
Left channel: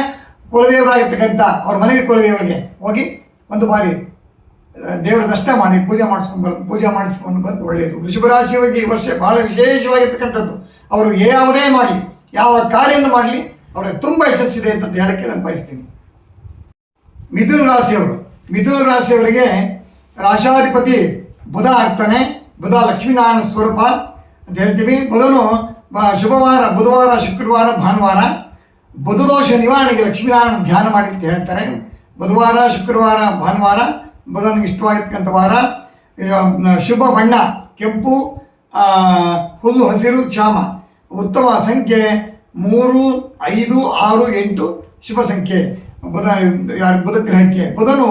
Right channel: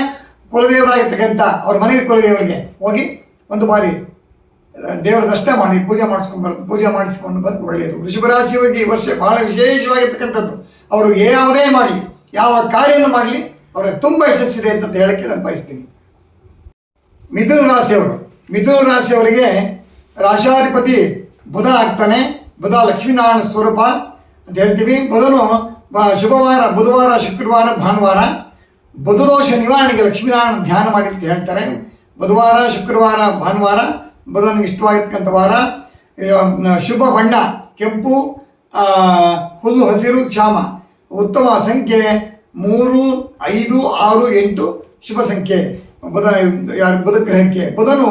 ಕುಲದೇವರಾಗಿರ್ತಕ್ಕಂಥ ಅವ್ರ ಮನೆಯ ಕುಲದೇವರಿಗೆ ಹೋಗಿ ಒಂದು ಬಾರಿ ದೇವರ ದರ್ಶನ ಮಾಡಿ ಪೂಜೆ ಮಾಡಿಸ್ಕೊಂಡು ಬಂದು ಒಳ್ಳೆಯದು. ವೃಷಭ ರಾಶಿಯವರಿಗೆ ಈ ವರ್ಷ ಬಹಳ ವಿಶೇಷವಾಗಿರ್ತಕ್ಕಂಥದ್ದು. ಅವರು ಯಾವುದೇ ಮಾಡಲಿ, ಯಾವ ಕಾರ್ಯವನ್ನು ಮಾಡಲಿ, ಅವರಿಗೆ ತುಂಬ ಯಶಸ್ಸಿದೆ ಅಂತ ಹೇಳಕ್ಕೆ ನಾನು ಬಯಸ್ತೀನಿ. ಮಿಥುನ ರಾಶಿಯವರು, ಮಿಥುನ ರಾಶಿಯವರಿಗೆ ರಾಶಾಧಿಪತಿ ಬುಧ ಆಗ್ತಾನೆ. ಬುಧ ಲಕ್ಷ್ಮೀನಾರಾಯಣ ಸ್ವರೂಪ ಅಂತ ಹೇಳ್ತೀವಿ. ಬುಧನು ಶುಭವಾರ ಬುಧವಾರ, ಶುಕ್ರವಾರ, ಭಾನುವಾರ ಬುಧದೋಷ ನಿವಾರಣೆಗೆ ಲಕ್ಷ್ಮೀನಾರಾಯಣ ಧ್ಯಾನ ಮಾಡಿ ಅಂತ ಹೇಳ್ತಾರೆ. ಬುಧವಾರ, ಶುಕ್ರವಾರ, ಭಾನುವಾರ ಬುಧನಿಗೆ ಇಷ್ಟವಾಗಿರ್ತಕ್ಕಂಥ ವಾರ. ಶುಭ ಬಣ್ಣ ಕೆಂಪು, ಹುಲ್ಲು ಹಸಿರು, ಕ್ಷಾಮ. ಉತ್ತಮ ಸಂಖ್ಯೆ 3, 5, 6, 8 ಶುಭ ಸಂಖ್ಯೆ ಬುಧ ಗ್ರಹಕ್ಕೆ. ಬುಧನು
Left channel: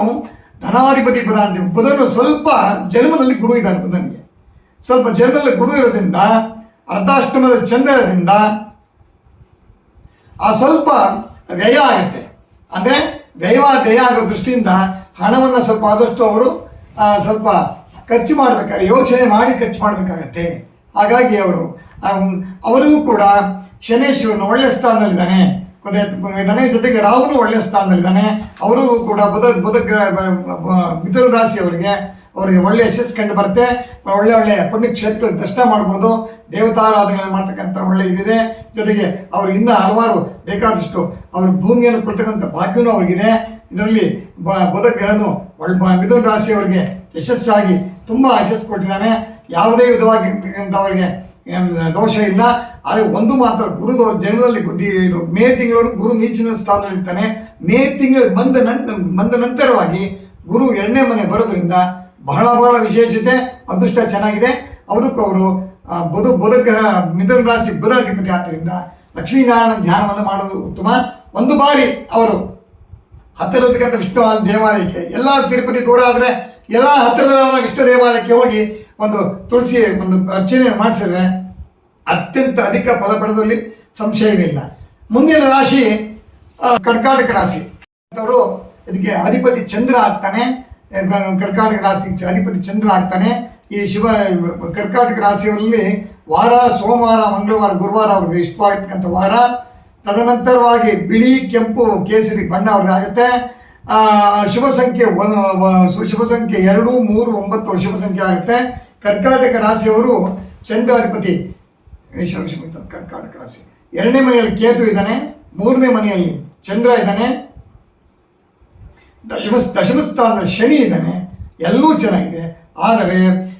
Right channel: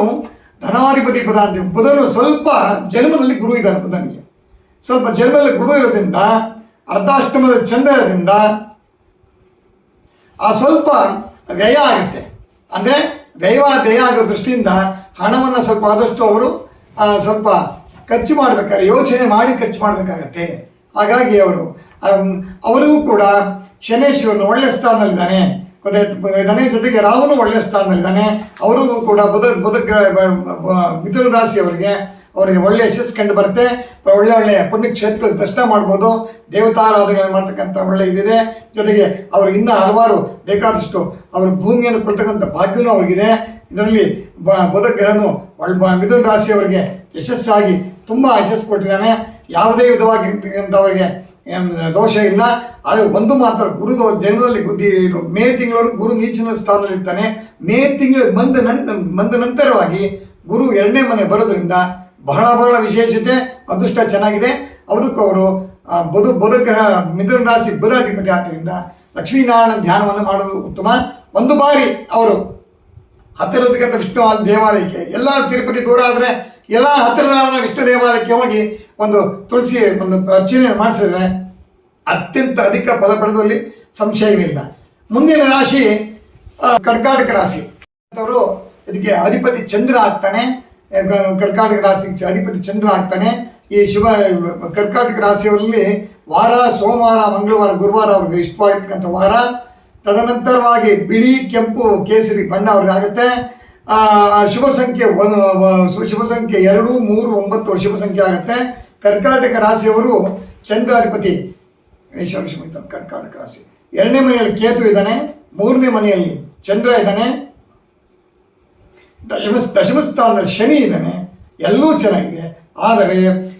ಧನಾಧಿಪತಿ ಬುಧ ಅಂತೀವಿ. ಬುಧನು ಸ್ವಲ್ಪ ಜನ್ಮದಲ್ಲಿ ಗುರು ಇದ್ದಾನೆ. ಬುಧನಿಗೆ ಸ್ವಲ್ಪ ಜನ್ಮದಲ್ಲಿ ಗುರು ಇರೋದ್ರಿಂದ, ಅರ್ಧಾಷ್ಟಮದ ಚಂದ್ರ ಇರೋದ್ರಿಂದ ಸ್ವಲ್ಪ ವ್ಯಯ ಆಗುತ್ತೆ. ಅಂದರೆ ವ್ಯಯ ಆಗೋ ದೃಷ್ಟಿಯಿಂದ ಹಣವನ್ನು ಸ್ವಲ್ಪ ಆದಷ್ಟು ಅವರು ಸ್ವಲ್ಪ ಖರ್ಚು ಮಾಡಬೇಕಾದ್ರೆ ಯೋಚನೆ ಮಾಡಿ ಖರ್ಚು ಮಾಡಬೇಕಾಗತ್ತೆ. ಹಾಗಾಗಿ ಅವರಿಗೂ ಕೂಡ ಶನೇಶ್ವರನು ಒಳ್ಳೆಯ ಸ್ಥಾನದಲ್ಲಿದ್ದಾನೆ. ಜೊತೆಗೆ ರಾಹುನು ಒಳ್ಳೆಯ ಸ್ಥಾನದಲ್ಲಿದ್ದಾನೆ. ಅವರಿಗೂ ಕೂಡ ಬುಧ ಮಿಥುನ ರಾಶಿಯವರಿಗೆ ಒಳ್ಳೆಯ ಯಶಸ್ಸು ಕಂಡು ಬರುತ್ತೆ. ಒಳ್ಳೆಯ ಪುಣ್ಯಕ್ಷೇತ್ರಗಳಿಗೆ ದರ್ಶನ ಮಾಡ್ಬೋದು. ದೇವತಾರಾಧನೆಗಳನ್ನು ಮಾಡ್ತಕ್ಕಂಥ ಒಳ್ಳೆಯ ಇದಿದೆ. ಜೊತೆಗೆ ಅವರು ಇನ್ನೂ ಹಲವಾರು ಬೇಕಾದಷ್ಟು ಅವರು ಭೂಮಿಯನ್ನು ಕೊಡ್ತಕ್ಕಂಥ ಭಾಗ್ಯನೂ ಅವ್ರಿಗಿದೆ. ಇದರಲ್ಲಿ ಬುಧ ಗ್ರಹನು ಮಿಥುನ ರಾಶಿಯವರಿಗೆ ಯಶಸ್ಸಾಗಿ ತುಂಬ ಯಶಸ್ಸು ಕೊಟ್ಟಿದ್ದಾನೆ. ಯಾವುದೇ ವಿಧವಾಗಿರ್ತಕ್ಕಂಥವರಿಗೆ ದೋಷ ಇಲ್ಲ. ಆದರೆ ಒಂದು ಮಾತ್ರ ಗುರುದು ಜನರಲ್ಲಿ ಇದು ಮೇ ತಿಂಗಳವರು ಗುರು ನೀಚಿನ ಸ್ಥಾನದಲ್ಲಿರ್ತಾನೆ. ಮೇ ತಿಂಗಳು ಬಂದ ನಂತರವಾಗಿ ಗುರು 2ನೇ ಮನೆ ಬರೋದ್ರಿಂದ ಬಹಳ ವಿಶೇಷತೆ, ಅದೃಷ್ಟ ಚೆನ್ನಾಗಿದೆ. ಅವರು ಬುಧ ಗ್ರಹ ಮಿಥುನ ರಾಶಿ ಬುಧ ಅಧಿಪತಿ ಆದ್ದರಿಂದ ಲಕ್ಷ್ಮೀನಾರಾಯಣ ಧ್ಯಾನವನ್ನು ಮಾಡೋದು ಉತ್ತಮ. ಒಂದು ಬಾರಿ ಅವರು ಹತ್ತಿರದಕ್ಕಂಥ ವಿಷ್ಣು ದೇವಾಲಯಕ್ಕೆ, ಎಲ್ಲ ತಿರುಪತಿ ದೂರ ಆದರೆ ಎಲ್ಲ ಹತ್ತಿರದ ವಿಷ್ಣು ದೇವಾಲಯಕ್ಕೆ ಹೋಗಿ ಒಂದು ತುಳಸಿ ಒಂದು ಅರ್ಚನೆ ಮಾಡಿಸಿದ್ರೆ ಅತ್ಯಂತ ಅಧಿಕ ಫಲ ಪಡೆದಲ್ಲಿ ಸಂಶಯವಿಲ್ಲ. ಮುಂದಿನ ರಾಶಿ ಕರ್ಕಾಟಕ ರಾಶಿ. ಅವರು ಇದಕ್ಕೆ ಅಧಿಪತಿ ಚಂದ್ರ ಆಗ್ತಾನೆ. ಕರ್ಕಾಟಕ ರಾಶಿ ಅಧಿಪತಿ ಚಂದ್ರ ಆಗ್ತಾನೆ. ಈ ಶುಭ ಕರ್ಕಾಟಕ ರಾಶಿಯವರಲ್ಲಿ ವಾರ ಸೋಮವಾರ, ಮಂಗಳವಾರ, ಗುರುವಾರ ಅವ್ರಿಗೆ ಇಷ್ಟವಾಗಿರ್ತಕ್ಕಂಥ ವಾರ. ತದನಂತರವಾಗಿ ಬಿಳಿ, ಕೆಂಪು, ಕೇಸರಿ ಬಣ್ಣ ಅವ್ರಿಗೆ ಆಗುತ್ತೆ. ಶುಭ ಸಂಖ್ಯೆ 2, 3, 9 ಶುಭ ಸಂಖ್ಯೆ ಆಗುತ್ತೆ. ಕರ್ಕಾಟಕ ರಾಶಿಯವರು ಚಂದ್ರಾಧಿಪತಿ ಕರ್ಕಾಟಕ ರಾಶಿ 2ನೇ ಮನೆಯಲ್ಲಿ ಕೇತು ಇದ್ದಾನೆ, 3ನೇ ಮನೆಯಲ್ಲಿ ಚಂದ್ರ ಇದ್ದಾನೆ, ದಶಮ ಸ್ಥಾನದಲ್ಲಿ ಶನಿ ಇದ್ದಾನೆ. ಎಲ್ಲವೂ ಚೆನ್ನಾಗಿದೆ. ಆದರೆ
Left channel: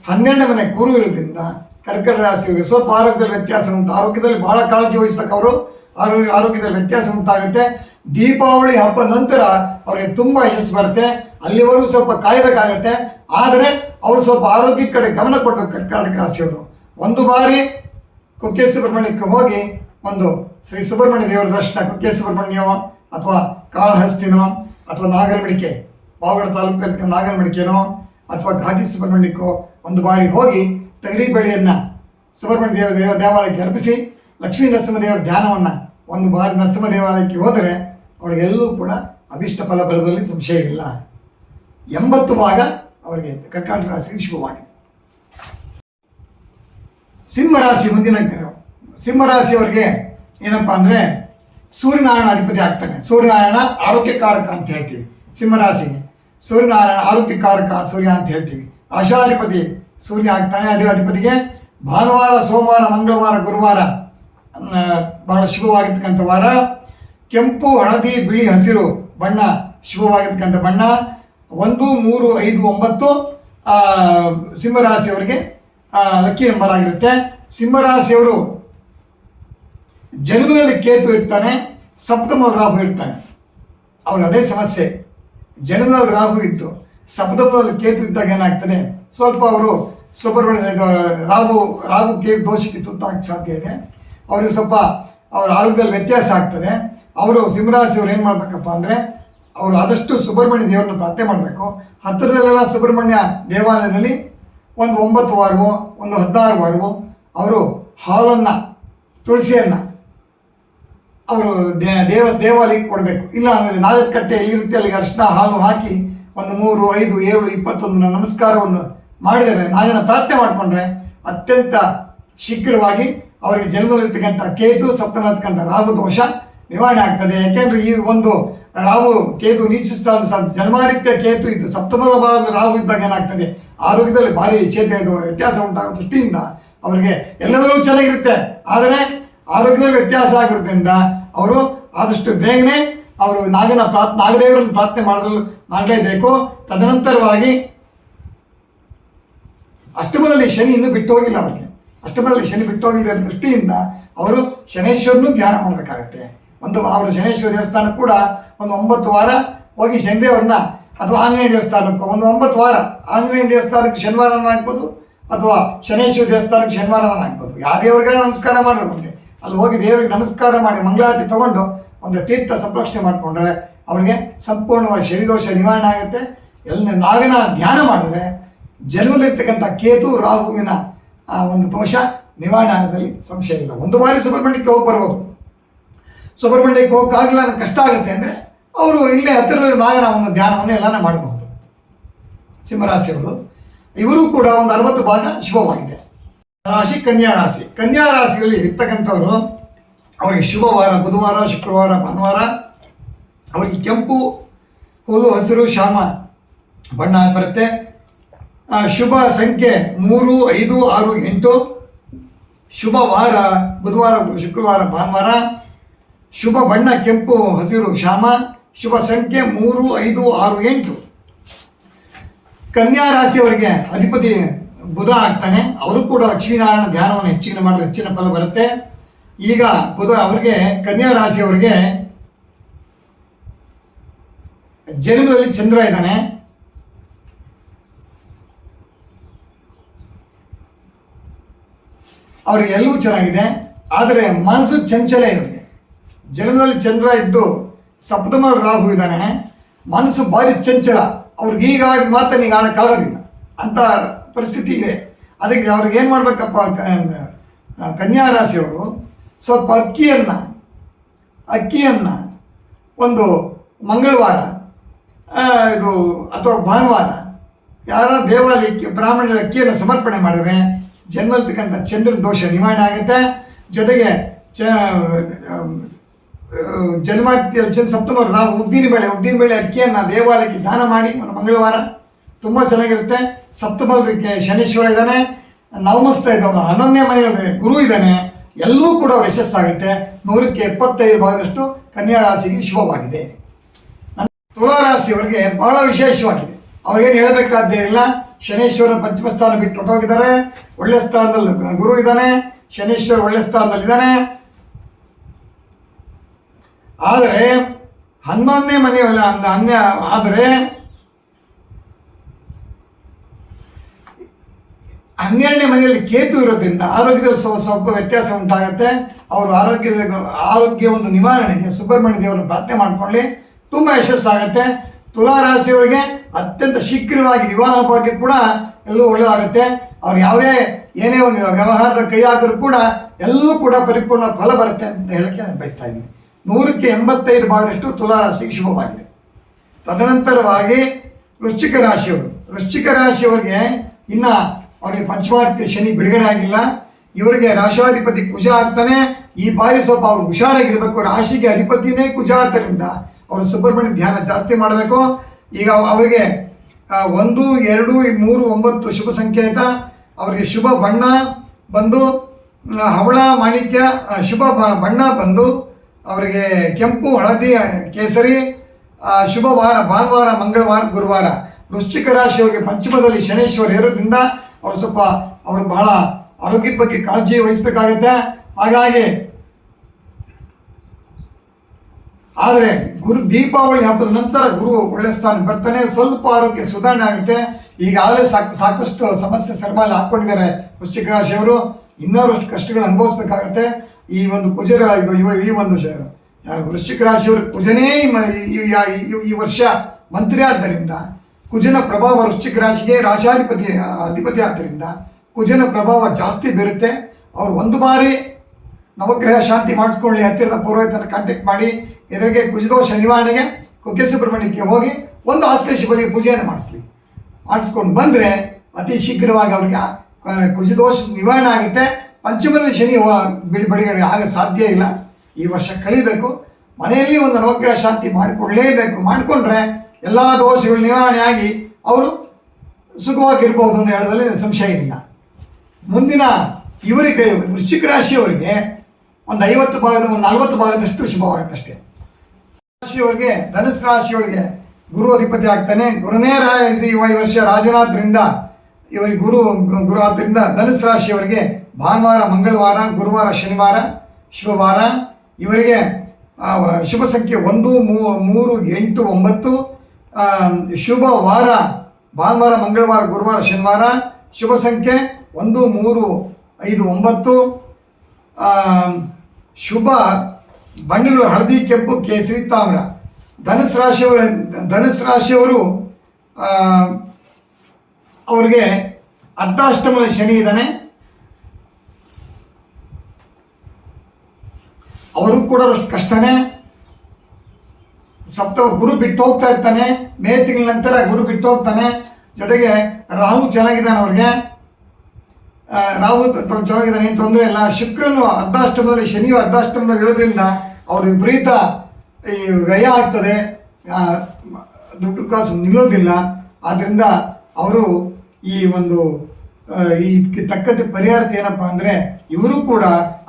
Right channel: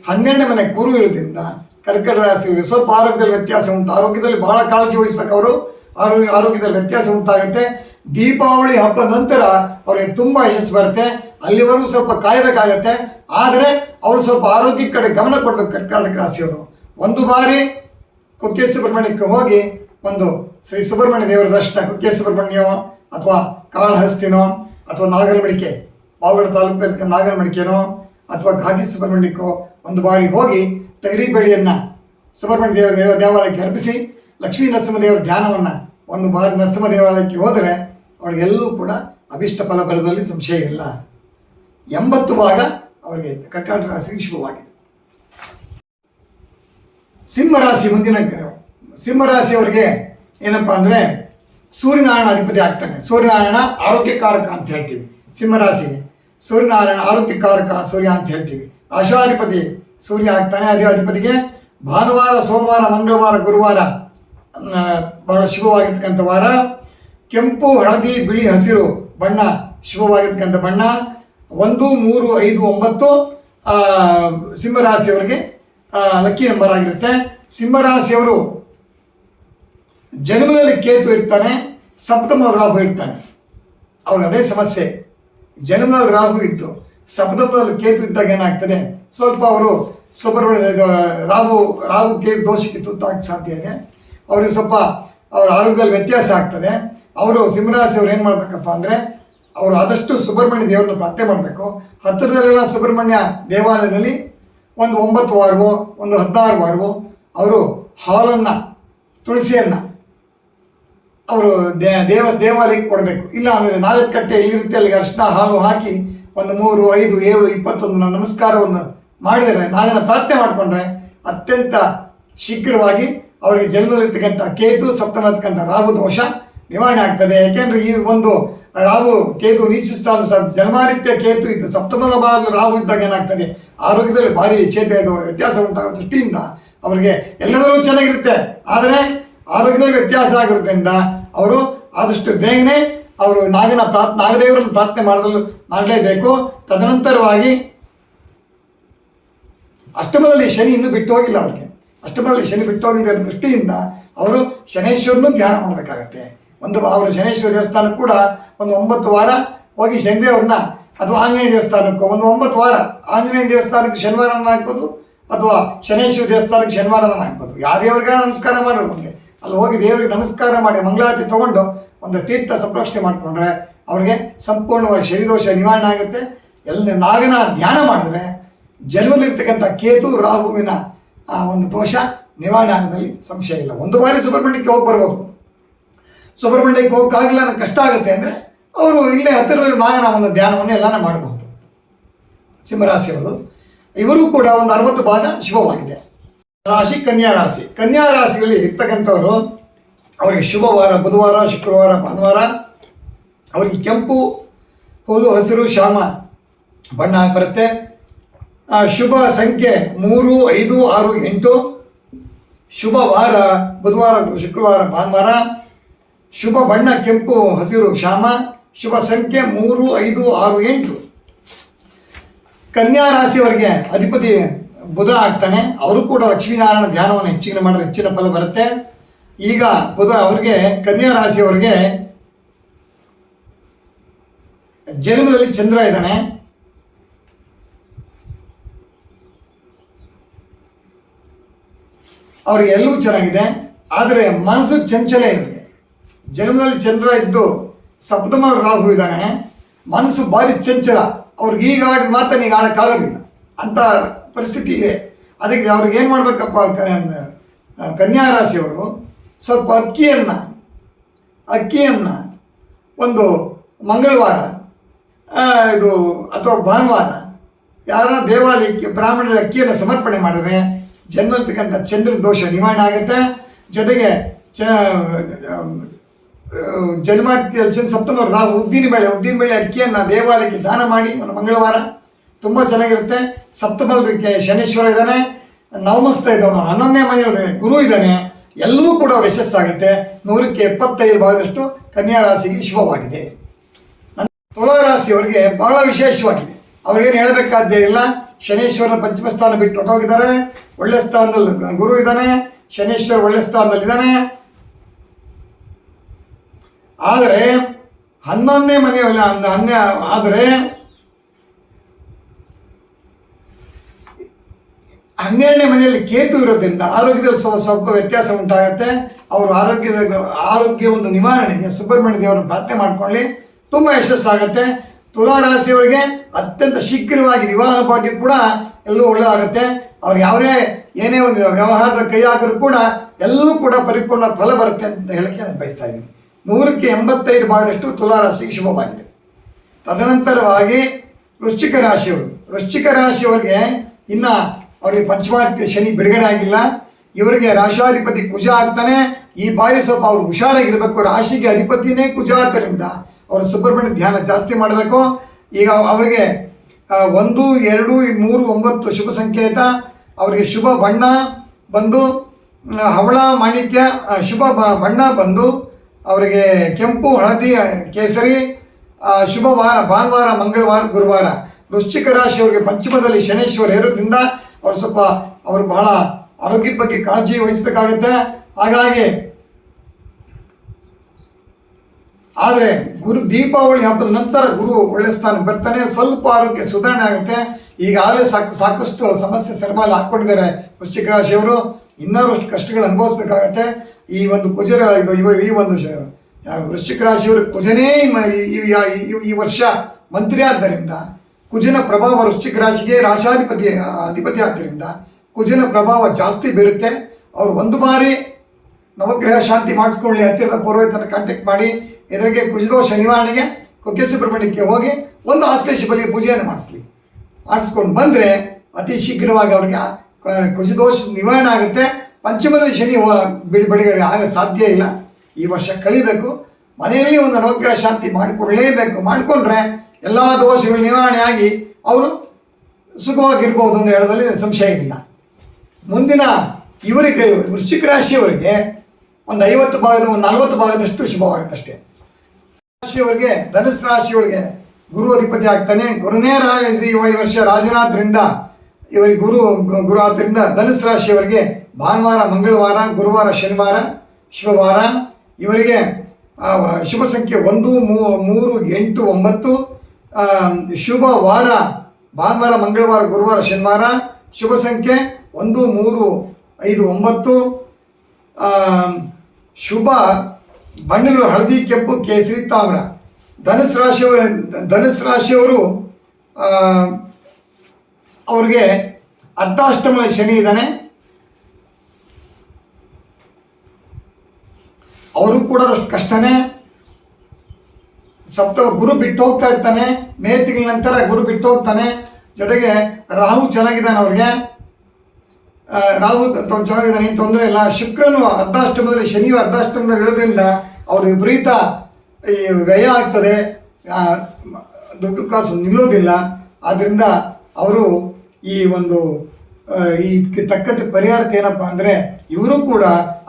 12ನೇ ಮನೆ ಗುರು ಇರೋದ್ರಿಂದ ಕರ್ಕಾಟಕ ರಾಶಿಯವರಿಗೆ ಸ್ವಲ್ಪ ಆರೋಗ್ಯದಲ್ಲಿ ವ್ಯತ್ಯಾಸ ಉಂಟು. ಆರೋಗ್ಯದಲ್ಲಿ ಬಹಳ ಕಾಳಜಿ ವಹಿಸ್ಬೇಕು. ಅವರು ಆರೋಗ್ಯದಲ್ಲಿ ವ್ಯತ್ಯಾಸ ಉಂಟಾಗುತ್ತೆ. ದೀಪಾವಳಿ ಹಬ್ಬ ನಂತರ ಅವರಿಗೆ ತುಂಬ ಯಶಸ್ಸು ಬರುತ್ತೆ. ಅಲ್ಲಿವರೆಗೂ ಸ್ವಲ್ಪ ಕಾಯಬೇಕಾಗತ್ತೆ. ಆದರೆ ಅವರು ಸ್ವಲ್ಪ ಆರೋಗ್ಯದ ಕಡೆ ಗಮನ ಕೊಡಬೇಕು. ಕರ್ಕಾಟಕ ರಾಶಿಯವರು ಒಂದು ಬಾರಿ ಕುಕ್ಕೆ ಸುಬ್ರಹ್ಮಣ್ಯಕ್ಕೆ ಹೋಗಿ ಒಂದು ಶ್ರೀ ಸುಬ್ರಹ್ಮಣ್ಯ ದೇವರ ದರ್ಶನ, ಕುಕ್ಕೆ ಸುಬ್ರಹ್ಮಣ್ಯವೋ ಅಥವಾ ಕಾಳಹಸ್ತಿನೋ ಅಥವಾ ನಾಗರಮಡಿಕೆ, ಪಾವಗಡ ತಾಲೂಕು ನಾಗರಮಡಿಕೆನೋ ಅಥವಾ ಘಾಟಿ ಸುಬ್ರಹ್ಮಣ್ಯಕ್ಕೋ ಒಂದು ಬಾರಿ ಹೋಗಿ ತಗರಿ ಬೆಳೆಯನ್ನು ಸುಬ್ರಹ್ಮಣ್ಯ ದೇವಾಲಯಕ್ಕೆ ಅರ್ಪಿಸಿ ಲಕ್ಷ್ಮೀ ನರಸಿಂಹದೇವರ ಧ್ಯಾನವನ್ನು ಒಂದು ಬಾರಿ ನರಸಿಂಹ ದೇವಾಲಯಕ್ಕೆ ಹೋದರೆ ಅವರಿಗೆಲ್ಲೂ ಕೂಡ ಅಭಿಷ್ಟ ಫಲ ಬರೋದ್ರಲ್ಲಿ ಸಂಶಯವಿಲ್ಲ. 80 ಭಾಗ ಅವರಿಗೆ ಕರ್ಕಾಟಕ ರಾಶಿಗೆ ಶುಭವಾಗಿದೆ. ಸಿಂಹರಾಶಿ ಮುಂದಿನ ಸಿಂಹರಾಶಿಯವರಿಗೆ ಏನಪ್ಪ ಅಂದರೆ ಸೂರ್ಯನಾರಾಯಣ ಅಧಿಪತಿ ಆಗ್ತಾನೆ. ಸೂರ್ಯನಾರಾಯಣ ಆರೋಗ್ಯಕಾರಕ ಅಂತ ಹೇಳ್ತೀವಿ. ಸಿಂಹರಾಶಿಗೆ ಸೂರ್ಯನಾರಾಯಣ ಆರೋಗ್ಯಕಾರಕ ಸೂರ್ಯ ಅಂತ ಹೇಳ್ತೀವಿ. ರಾಶಾಧಿಪತಿ ಸೂರ್ಯ ಆಗ್ತಾನೆ. ಅದೇ ಅಧಿಪತಿಗೆ ಭಾನುವಾರ, ಸೋಮವಾರ, ಮಂಗಳವಾರ, ಗುರುವಾರ ಬಹಳ ಶುಭವಾಗಿರ್ತಕ್ಕಂಥ ವಾರ. ಕೆಂಪು, ಹಳದಿ, ಬಿಳಿ, ಹಸಿರು ಬಣ್ಣ ಶುಭವಾಗಿರ್ತಕ್ಕಂಥ ಬಣ್ಣ. 1, 3, 5, 9 ಸಿಂಹರಾಶಿಯವರಿಗೆ ಲಕ್ಕಿ ನಂಬರ್ ಆಗಿರುತ್ತೆ. ಸಿಂಹರಾಶಿಯವರು ಜನ್ಮದಲ್ಲಿ ಕೇತು ಇರ್ತಾನೆ, ಸಪ್ತಮದಲ್ಲಿ ರಾಹು ಇರ್ತಾನೆ. ಅವ್ರಿಗೆ ಅದೇ ಸಮಸ್ಯೆ. ಜನ್ಮದಲ್ಲಿ ರಾಹು ಇತ್ತು, ಸಪ್ತಮದಲ್ಲಿ ಕೇತು ಇದ್ದಾಗ ಏನಾಗ್ತದೆ, ಸ್ವಲ್ಪ ಅವರು ರಾಹು ಕೇತು ದೋಷಕ್ಕೆ ತುತ್ತಾಗಕ್ಕೆ ಸಾಧ್ಯ ಇದೆ. ಅವ್ರಿಗೆ ಸ್ವಲ್ಪ ಅವರ ಆರೋಗ್ಯದಲ್ಲಿ ವ್ಯತ್ಯಾಸ ಆಗ್ತದೆ. ಅವರು ಸಿಂಹರಾಶಿಯವರು ಏನು ಮಾಡಬೇಕಪ್ಪ ಅಂದರೆ ಅವರು ಆದಷ್ಟು ಸುಬ್ರಹ್ಮಣ್ಯ ದೇವರನ್ನ ಪ್ರಾರ್ಥನೆ ಮಾಡಬೇಕು. ಹತ್ತಿರದಲ್ಲೆಲ್ಲ ಸುಬ್ರಹ್ಮಣ್ಯ ದೇವಾಲಯದಲ್ಲಿ ಒಂದು 9 ವಾರವೋ ಒಂದು 16 ವಾರವೋ ಅವರು ಹಾಲನ್ನು, ತುಳಸಿಯನ್ನು ಅವರು ದೇವಾಲಯಕ್ಕೆ ಕೊಡಬೇಕು. ಇಲ್ಲ ಅಂದರೆ ನಾಗಕಟ್ಟೆ ಎಲ್ಲಿರುತ್ತೆ ಅಲ್ಲಿಗೆ ಅರಿಶಿನ ಹಾಲು ಹಾಕಿ ಒಂದು 3, 5, 7, 21 ನಮಸ್ಕಾರವನ್ನು ಮಾಡಿದರೆ, ನಾಗನ ಪ್ರಾರ್ಥನೆ ಮಾಡಿಕೊಂಡ್ರೆ ಅತ್ಯಂತ ಶೀಘ್ರವಾಗಿ ಅವರಿಗೆ ಜನ್ಮದಲ್ಲಿರ್ತಕ್ಕಂಥ ಕೇತು, ಸಪ್ತಮದಕ್ಕಂಥ ರಾಹು ದೋಷ ನಿವಾರಣೆ ಆಗ್ತದೆ. ಯಾಕೆಂದರೆ ಈ ಒಂದು ರಾಹು ಕೇತು ನೀಚಿಸ್ತಾನ ಜನ್ಮಾದಿತ್ಯ ಕೇತು ಇದ್ದು ಸಪ್ತಮದ ರಾಹು ಇದ್ದಾಗ ಏನಾಗ್ತದೆ, ಆರೋಗ್ಯದಲ್ಲಿ ಭಾರಿ ವ್ಯತ್ಯಾಸ ಉಂಟಾಗೋ ದೃಷ್ಟಿಯಿಂದ ಅವರಿಗೆ ಎಲ್ಲದರಲ್ಲೂ ಚೆನ್ನಾಗಿರುತ್ತೆ, ಆದರೆ ಆರೋಗ್ಯದಲ್ಲಿ ವ್ಯತ್ಯಾಸ ಆಗಿರೋದ್ರಿಂದ ಅವರು ಆದಷ್ಟು ಬೇಗನೆ ಅವರು ನಾಗದೇವರನ್ನು ಪ್ರಾರ್ಥನೆ ಮಾಡಲೇಬೇಕು. ತದನಂತರವಾಗಿ ಅಷ್ಟಮದಲ್ಲಿ ಶನಿ ಇನ್ನೂ ಬಿಟ್ಟು ಹೋಗಿಲ್ಲ. ಅವ್ರಿಗೆ ಅಷ್ಟಮದಲ್ಲಿ ಶನಿ ಬಿಟ್ಟು ಹೋಗಿದ್ದ ದೃಷ್ಟಿಯಿಂದ ಅವರು ಶನೇಶ್ವರನ್ನು ಧ್ಯಾನ ಮಾಡಬೇಕಾಗತ್ತೆ. ಅವರು ಶನೇಶ್ವರ ದೇವಸ್ಥಾನಕ್ಕೆ ಕೂಡ ಒಂದು 9 ವಾರ ಹೋಗಿ ಶನಿದೇವ್ರನ್ನ, ಅಥವಾ ಆಂಜನೇಯ ದೇವಸ್ಥಾನಕ್ಕೂ ಒಂದು 9 ವಾರ ಆಂಜನೇಯ ದೇವಸ್ಥಾನಕ್ಕೆ ಶನಿವಾರನ ಹಾಕ್ಬೋದು, ಅಥವಾ ಶನೇಶ್ವರ ದೇವಸ್ಥಾನಕ್ಕೆ ಶನಿವಾರನ ಹಾಕ್ಬೋದು. ಯಾವ ದೇವ್ರಿಗಾರ ನಮಸ್ಕಾರ ಮಾಡೋರು ಮುಂದೆ ಅಲ್ಲಿ ಹೋಗಿ ದೇವರಿಗೆ ನಮಸ್ಕಾರ ಮಾಡಿ ಮಂಗಳಾರತಿ ತೊಗೊಂಡು ಒಂದು ತೀರ್ಥ ಸಂಪ್ರೋಕ್ಷಣೆ ಮಾಡಿಕೊಂಡ್ರೆ ಅವರಿಗೆ ಸಂಪೂರ್ಣವಾಗಿ ಶನಿದೋಷ ನಿವಾರಣೆ ಆಗುತ್ತೆ. ನಾಗನ ಧ್ಯಾನ ಮಾಡಿದರೆ ಜನ್ಮದಲ್ಲಿರ್ತಕ್ಕಂಥ ಕೇತು ರಾಹುವಿನ ಒಂದು ದೋಷ ನಿವಾರಣೆ ಆಗೋದ್ರಲ್ಲಿ ಸಂಶಯ ಇಲ್ಲ. ಒಂದು ಬಾರಿ ಸುಬ್ರಹ್ಮಣ್ಯಕ್ಕೆ ಹೋಗಿ ಬರ್ಬೋದು. ಸುಬ್ರಹ್ಮಣ್ಯಕ್ಕೆ ಹೋಗೋಕ್ಕಾಗಲ್ಲ, ನನಗೆ ಕಷ್ಟ ಆಗುತ್ತೆ ಅಂದರೆ ಅವರು ಇಲ್ಲೇ ಹತ್ತಿರದಲ್ಲಿ ನಾಗನ ಒಂದು ಧ್ಯಾನವನ್ನು ಎಲ್ಲನೇ ಮಾಡಬಹುದು. ಸಿಂಹರಾಶಿಯವರು ಇವರು ಕೂಡ ಒಂದು 60 ಭಾಗ ಶುಭವಾಗಿದೆ. ರಾಶಿ ಕನ್ಯಾ ರಾಶಿ. ಕನ್ಯಾ ರಾಶಿಯಲ್ಲಿ ಇರ್ತಕ್ಕಂಥವರು ಅವರಿಗೆ ಶುಭವಾರ ಬುಧವಾರ, ಶುಕ್ರವಾರ, ಭಾನುವಾರ. ಅವರಿಗೆ ಕೆಂಪು, ಹುಲ್ಲು, ಹಸಿರು, ಶ್ಯಾಮ ಬಣ್ಣ ಬರುತ್ತೆ. ಶುಭ ಸಂಖ್ಯೆ 3, 5, 6, 8. ಶುಭ ವಾರ ಬುಧವಾರ, ಶುಕ್ರವಾರ, ಭಾನುವಾರ. ಶುಭ ಬಣ್ಣ ಕೆಂಪು, ಹಸಿರು, ಶ್ಯಾಮ. ಶುಭ ಸಂಖ್ಯೆ 3, 5, 6, 8. ಕನ್ಯಾ ರಾಶಿಯವರಿಗೆ ಅಧಿಪತಿ ಬುಧ ಆಗ್ತಾನೆ. ಅವರು ಕೂಡ ಲಕ್ಷ್ಮೀನಾರಾಯಣ ಧ್ಯಾನವನ್ನು ಹೆಚ್ಚಿನ ಮಾಡಿದ್ರೆ ಹೆಚ್ಚಿನ ಫಲ ಬರುತ್ತೆ. ಈಗ ಬುಧ ಅವರಿಗೆ, ಕನ್ಯಾ ರಾಶಿಯವರಿಗೆ ಜನ್ಮದಲ್ಲಿ ಚಂದ್ರ ಇದ್ದಾನೆ. ಅವರಿಗೆ ಎಲ್ಲವೂ ಚೆನ್ನಾಗಿದೆ, ಆದರೆ ಮನಸ್ಸು ಚಂಚಲ. ಇವರಿಗೆ ಜನ್ಮದಲ್ಲಿ ಚಂದ್ರ ಇದ್ದು ಸಪ್ತಮ ರಾಹು ಇದ್ದಾನೆ, ಮನಸ್ಸು ಭಾರಿ ಚಂಚಲ. ಅವ್ರಿಗೆ ಈಗ ಆಡಿದ ಮಾತನ್ನು ಈಗ ಆಡೋಕ್ಕಾಗೋದಿಲ್ಲ ಅಂತ ಪರಿಸ್ಥಿತಿ ಇದೆ. ಅದಕ್ಕೆ ಅವ್ರಿಗೆ ಏನು ಮಾಡಬೇಕಪ್ಪ, ಕನ್ಯಾ ರಾಶಿಯವರು ಸ್ವಲ್ಪ ಅಕ್ಕಿಯನ್ನು ಒಂದು ಮಂಗಳವಾರ ಅಥವಾ ಭಾನುವಾರ ಯಾರ ದೇವಾಲಯಕ್ಕೆ ಬ್ರಾಹ್ಮಣರ ಅಕ್ಕಿಯನ್ನು ಸಮರ್ಪಣೆ ಮಾಡಿದ್ರೆ ಜನ್ಮಲ್ತಕ್ಕಂಥ ಚಂದ್ರ ದೋಷ ನಿವಾರಣೆ ಆಗುತ್ತೆ. ಜೊತೆಗೆ ಸಪ್ತಮ ರಾಹು ಉದ್ದಿನಬೇಳೆ ಅಕ್ಕಿಯನ್ನು ದೇವಾಲಯಕ್ಕೆ ದಾನ ಮಾಡಿ ಒಂದು ಮಂಗಳವಾರ ತುಂಬ ಚೆನ್ನಾಗಿರುತ್ತೆ. ಸಪ್ತಮಕ್ಕೆ ಶನೇಶ್ವರ ಇದ್ದಾನೆ, ನವಮಸ್ತ ಇದ್ದವನು 11ನೇ ಮನೆಯಲ್ಲಿ ಗುರು ಇದ್ದಾನೆ. ಎಲ್ಲವೂ ಕೂಡ ಅವ್ರ ಯಶಸ್ಸಾಗುತ್ತೆ. 100ಕ್ಕೆ 75 ಭಾಗದಷ್ಟು ಕನ್ಯಾ ರಾಶಿಗೆ ಶುಭವಾಗಿದೆ. ತುಲಾ ರಾಶಿಯವರಿಗೆ ಬಹಳ ವಿಶೇಷವಾಗಿದೆ. ಅವ್ರಿಗೇನು ಹೇಳಬೇಕಾದ್ದೇ ಇಲ್ಲ. ಶನೇಶ್ವರನ ಪಂಚಮ ಸ್ಥಾನ ಬಿಟ್ಟು ಹೊರಟೋಗಿದ್ದಾರೆ. ಒಳ್ಳೆ ಸ್ಥಾನದಲ್ಲಿ ಗುರು ಇದ್ದಾನೆ, ಶನೇಶ್ವರ ಒಳ್ಳೆ ಸ್ಥಾನದಲ್ಲಿದ್ದಾನೆ. ಆದರೆ 11ನೇ ಮನೆಯಲ್ಲಿ ಆದರೆ 12ನೇ ಮನೆಯಲ್ಲಿ ಕೇತು ಇರೋದ್ರಿಂದ ಆರೋಗ್ಯದಲ್ಲಿ ಸ್ವಲ್ಪ ವ್ಯತ್ಯಾಸ ಉಂಟಾಗುತ್ತೆ. ಅವರು ಆರೋಗ್ಯ ಒಂದು ನಿವಾರಣೆಗೆ ಸುಬ್ರಹ್ಮಣ್ಯ ದೇವರನ್ನು ಪ್ರಾರ್ಥನೆ ಮಾಡಿಕೊಳ್ಳಿ, ತುಂಬ ಯಶಸ್ಸಾಗುತ್ತೆ. ತುಲಾ ರಾಶಿಯವರಿಗೆ ಅತ್ಯಂತ ಶೀಘ್ರವಾಗಿ ವಿವಾಹ ಭಾಗ್ಯ ಕೂಡ ಎಲ್ಲವೂ ಒಳ್ಳೆಯದಾಗುತ್ತೆ. ಅವ್ರು ಏನೇ ಒಂದು ವ್ಯವಹಾರದ ಕೈ ಹಾಕಿದ್ರು ಕೂಡ ಎಲ್ಲವೂ ಕೂಡ ಪರಿಪೂರ್ಣ ಫಲ ಬರುತ್ತೆ ಅಂತ ಹೇಳಕ್ಕೆ ನಾನು ಬಯಸ್ತಾ ಇದ್ದೀನಿ. 100ಕ್ಕೆ 85 ಭಾಗದಷ್ಟು ತುಲಾ ರಾಶಿಗೆ ಶುಭವಾಗಿದೆ. ತದನಂತರವಾಗಿ ವೃಶ್ಚಿಕ ರಾಶಿಯವರು ವೃಶ್ಚಿಕ ರಾಶಿಯವರಿಗೆ ಇನ್ನು ಅವರಿಗೆ ಪಂಚಮಾರ್ತಿ ಶನಿ ಬಿಡುಗಡೆ ಆಗಿಲ್ಲ. ಇವರಿಗೆ ರಾಶಾಧಿಪತಿ ಕುಜ ಆಗ್ತಾನೆ. ಈ ಬಾರಿ ಸ್ವಲ್ಪ ಅವ್ರು ಹುಷಾರಾಗಿರ್ಬೇಕು. ರಾಶಿಗೆ ಅಧಿಪತಿನೇ ಕುಜ ಆದ್ದರಿಂದ ಅವರು ಸುಬ್ರಹ್ಮಣ್ಯ ಧ್ಯಾನ ಜಾಸ್ತಿ ಮಾಡಬೇಕು. ಈಗ ಅವರಿಗೆ 1, 2, 3, 9 ಶುಭ ಸಂಕೇತ. ಅವರಿಗೆ ಶುಭ ಬಣ್ಣ ಬಂದು ಹವಳ ಮಾಣಿಕ್ಯ. ಶುಭ ಬಣ್ಣ ಬಂದು ಅವರಿಗೆ ಕೆಂಪು, ಹಳದಿ, ಕೇಸರಿ. ಶುಭ ವಾರ ಭಾನುವಾರ, ಮಂಗಳವಾರ, ಗುರುವಾರ. ವೃಶ್ಚಿಕ ರಾಶಿಯವರಿಗೆ ಪಂಚಮದಲ್ಲಿ ಶನೇಶ್ವರ ಇರೋದ್ರಿಂದ ಅವರು ಬಹಳ ಆರೋಗ್ಯದ ಬಗ್ಗೆ ಕಾಳಜಿ ವಹಿಸಬೇಕಾಗುತ್ತೆ. ಹಾಗಾಗಿ ಆದರೆ ದೀಪಾವಳಿ ಹಬ್ಬದ ನಂತರ ಗುರು ಒಳ್ಳೆ ಸ್ಥಾನಕ್ಕೆ ಬರ್ತಾನೆ. ಸ್ವಲ್ಪ ಆರೋಗ್ಯ ಸುಧಾರಣೆ ಆಗುತ್ತೆ. ಈಗಾಗಲೇ ಸಾಕಷ್ಟು ಸಮಸ್ಯೆ ಸರಮಾಲೆ ಹಾಕ್ಕೊಂಡಿದ್ದಾರೆ ವೃಶ್ಚಿಕ ರಾಶಿಯವರು. ಇನ್ನೂ ಅಷ್ಟು ಕಷ್ಟಗಳು ಅನುಭವಿಸ್ಬೇಕಾಗತ್ತೆ. ಈ ಒಂದು ಕುಜರ ಈ ಒಂದು ವೃಶ್ಚಿಕ ರಾಶಿಯವರು ಕುಜನೇ ಈ ವರ್ಷ ಮಂತ್ರಿ ಆದ್ದರಿಂದ ಕುಜನ ಪ್ರಭಾವ ವೃಶ್ಚಿಕ ರಾಶಿಗೆ ಅಧಿಪತಿ ಆದ್ದರಿಂದ ಕುಜನ ಪ್ರಭಾವ ಜಾಸ್ತಿ ಬೀರುತ್ತೆ. ಅವರು ಒಂದು ಬಾರಿ ನವಗ್ರಹ ಶಾಂತಿ ಮಾಡಿಸ್ಕೊಳ್ಳಿ. ಹತ್ತಿರದ ಪುರೋಹಿತನ ಕಾಂಟ್ಯಾಕ್ಟ್ ಮಾಡಿ ಎದುರಿಗೆ ಕುಜದೋಷ ನಿವಾರಣೆಗೆ ಕುಕ್ಕೆ ಸುಬ್ರಹ್ಮಣ್ಯಕ್ಕೆ ಹೋಗಿ ಒಂದು ಆಶ್ಲೇಷ ಬಲಿಯ ಪೂಜೆಯನ್ನು ಮಾಡಿಸ್ಕೊಂಡು ಬಂದರೆ ಅತಿ ಶೀಘ್ರವಾಗಿ ಅವ್ರಿಗೆ ಕುಜದೋಷ ನಿವಾರಣೆ ಆಗುತ್ತೆ. ಪಂಚಮದಲ್ಲಿ ಶನಿ ಬಿಡುಗಡೆ ಆಗ ಸಾಧ್ಯ ಇಲ್ಲ. ಈ ವರ್ಷ ಕಳಿಬೇಕು. ಮನೆಯಲ್ಲಿ ಒಂದು ನವಗ್ರಹ ಶಾಂತಿ ಮಾಡಿಕೊಳ್ಳಲೇಬೇಕು. ಮಾಡಿಕೊಂಡ್ರೆ ಎಲ್ಲ ದೋಷಗಳು ನಿವಾರಣೆ ಆಗಿ ಅವರು ಸುಖವಾಗಿರ್ಬೋದು ಅಂತ ಹೇಳೋದ್ರಲ್ಲಿ ಸಂಶಯ ಇಲ್ಲ. ಮುಂದಿನ ಇವರಿಗೆ ವೃಶ್ಚಿಕ ರಾಶಿಯವರಿಗೆ ಒಂದು 50 ಭಾಗದ 40 ಭಾಗದಷ್ಟು ಶುಭವಾಗುತ್ತಷ್ಟೇ. ರಾಶಿಯವರಿಗೆ ಧನುಸ್ ರಾಶಿಯವರಿಗೆ ಗುರು ಅಧಿಪತಿ ಆಗ್ತಾನೆ. ಗುರುನೇ ಈ ವರ್ಷ ರಾಜನಾದ್ರಿಂದ ಇವರಿಗೆ ಗುರು ಆದ್ದರಿಂದ ಧನುಸ್ ರಾಶಿಯವರಿಗೆ ಭಾನುವಾರ, ಮಂಗಳವಾರ, ಗುರುವಾರ, ಶನಿವಾರ ಶುಭವಾರ. ಇವರಿಗೆ ಶುಭ ಸಂಖ್ಯೆ 1, 3, 8, 9. ಶುಭ ವಾರ ಭಾನುವಾರ, ಮಂಗಳವಾರ, ಗುರುವಾರ, ಶನಿವಾರ. ಶುಭ ಸಂಖ್ಯೆ 1, 3, 5, 9. ಶುಭ ಬಣ್ಣಗಳು ಹಳದಿ, ಕೆಂಪು, ಕೇಸರಿ, ತಾಮ್ರ. ಧನುಸ್ ರಾಶಿಯವರು ಅವ್ರಿಗೆ ಅರ್ಧಾಷ್ಟಮದಲ್ಲಿ ಶನಿ ಇದ್ದಾನೆ. ಅವರು ಕೂಡ ಅಷ್ಟು ಕಷ್ಟನೇ. ಗುರು ಬಿಟ್ಟು ಹೋಗ್ತಾ ಇರ್ತಾನೆ. ಮೇ ತಿಂಗಳ ನಂತರ ಗುರು ಬಿಟ್ಟು ಹೋಗ್ತಾನೆ. ಜೊತೆಗೆ ರಾಹು ಚೆನ್ನಾಗಿದ್ದಾನೆ. ಅವ್ರಿಗೆ ರಾಹು ಚೆನ್ನಾಗಿದ್ದಾನೆ, ಏನು ತೊಂದರೆ ಇಲ್ಲ. ಶುಕ್ರನು ಅರ್ಧಾಷ್ಟಮದಲ್ಲಿ, ಶನಿಯು ಅರ್ಧಾಷ್ಟಮದಲ್ಲಿ ಇರೋದ್ರಿಂದ ಅವರು ವಿಪರೀತ ಈ ವ್ಯಯ ಆಗ್ತದೆ. ದುಡ್ಡು ಕಾಸು ನಿಲ್ಲೋದಿಲ್ಲ. ಆದ್ದರಿಂದ ಅವರು ಈ ಒಂದು ಇದಕ್ಕೆ ತಕ್ಕಂತೆ ಪರಿಹಾರತೆ ಏನಪ್ಪ ಅಂದರೆ ಇವರು ಕೂಡ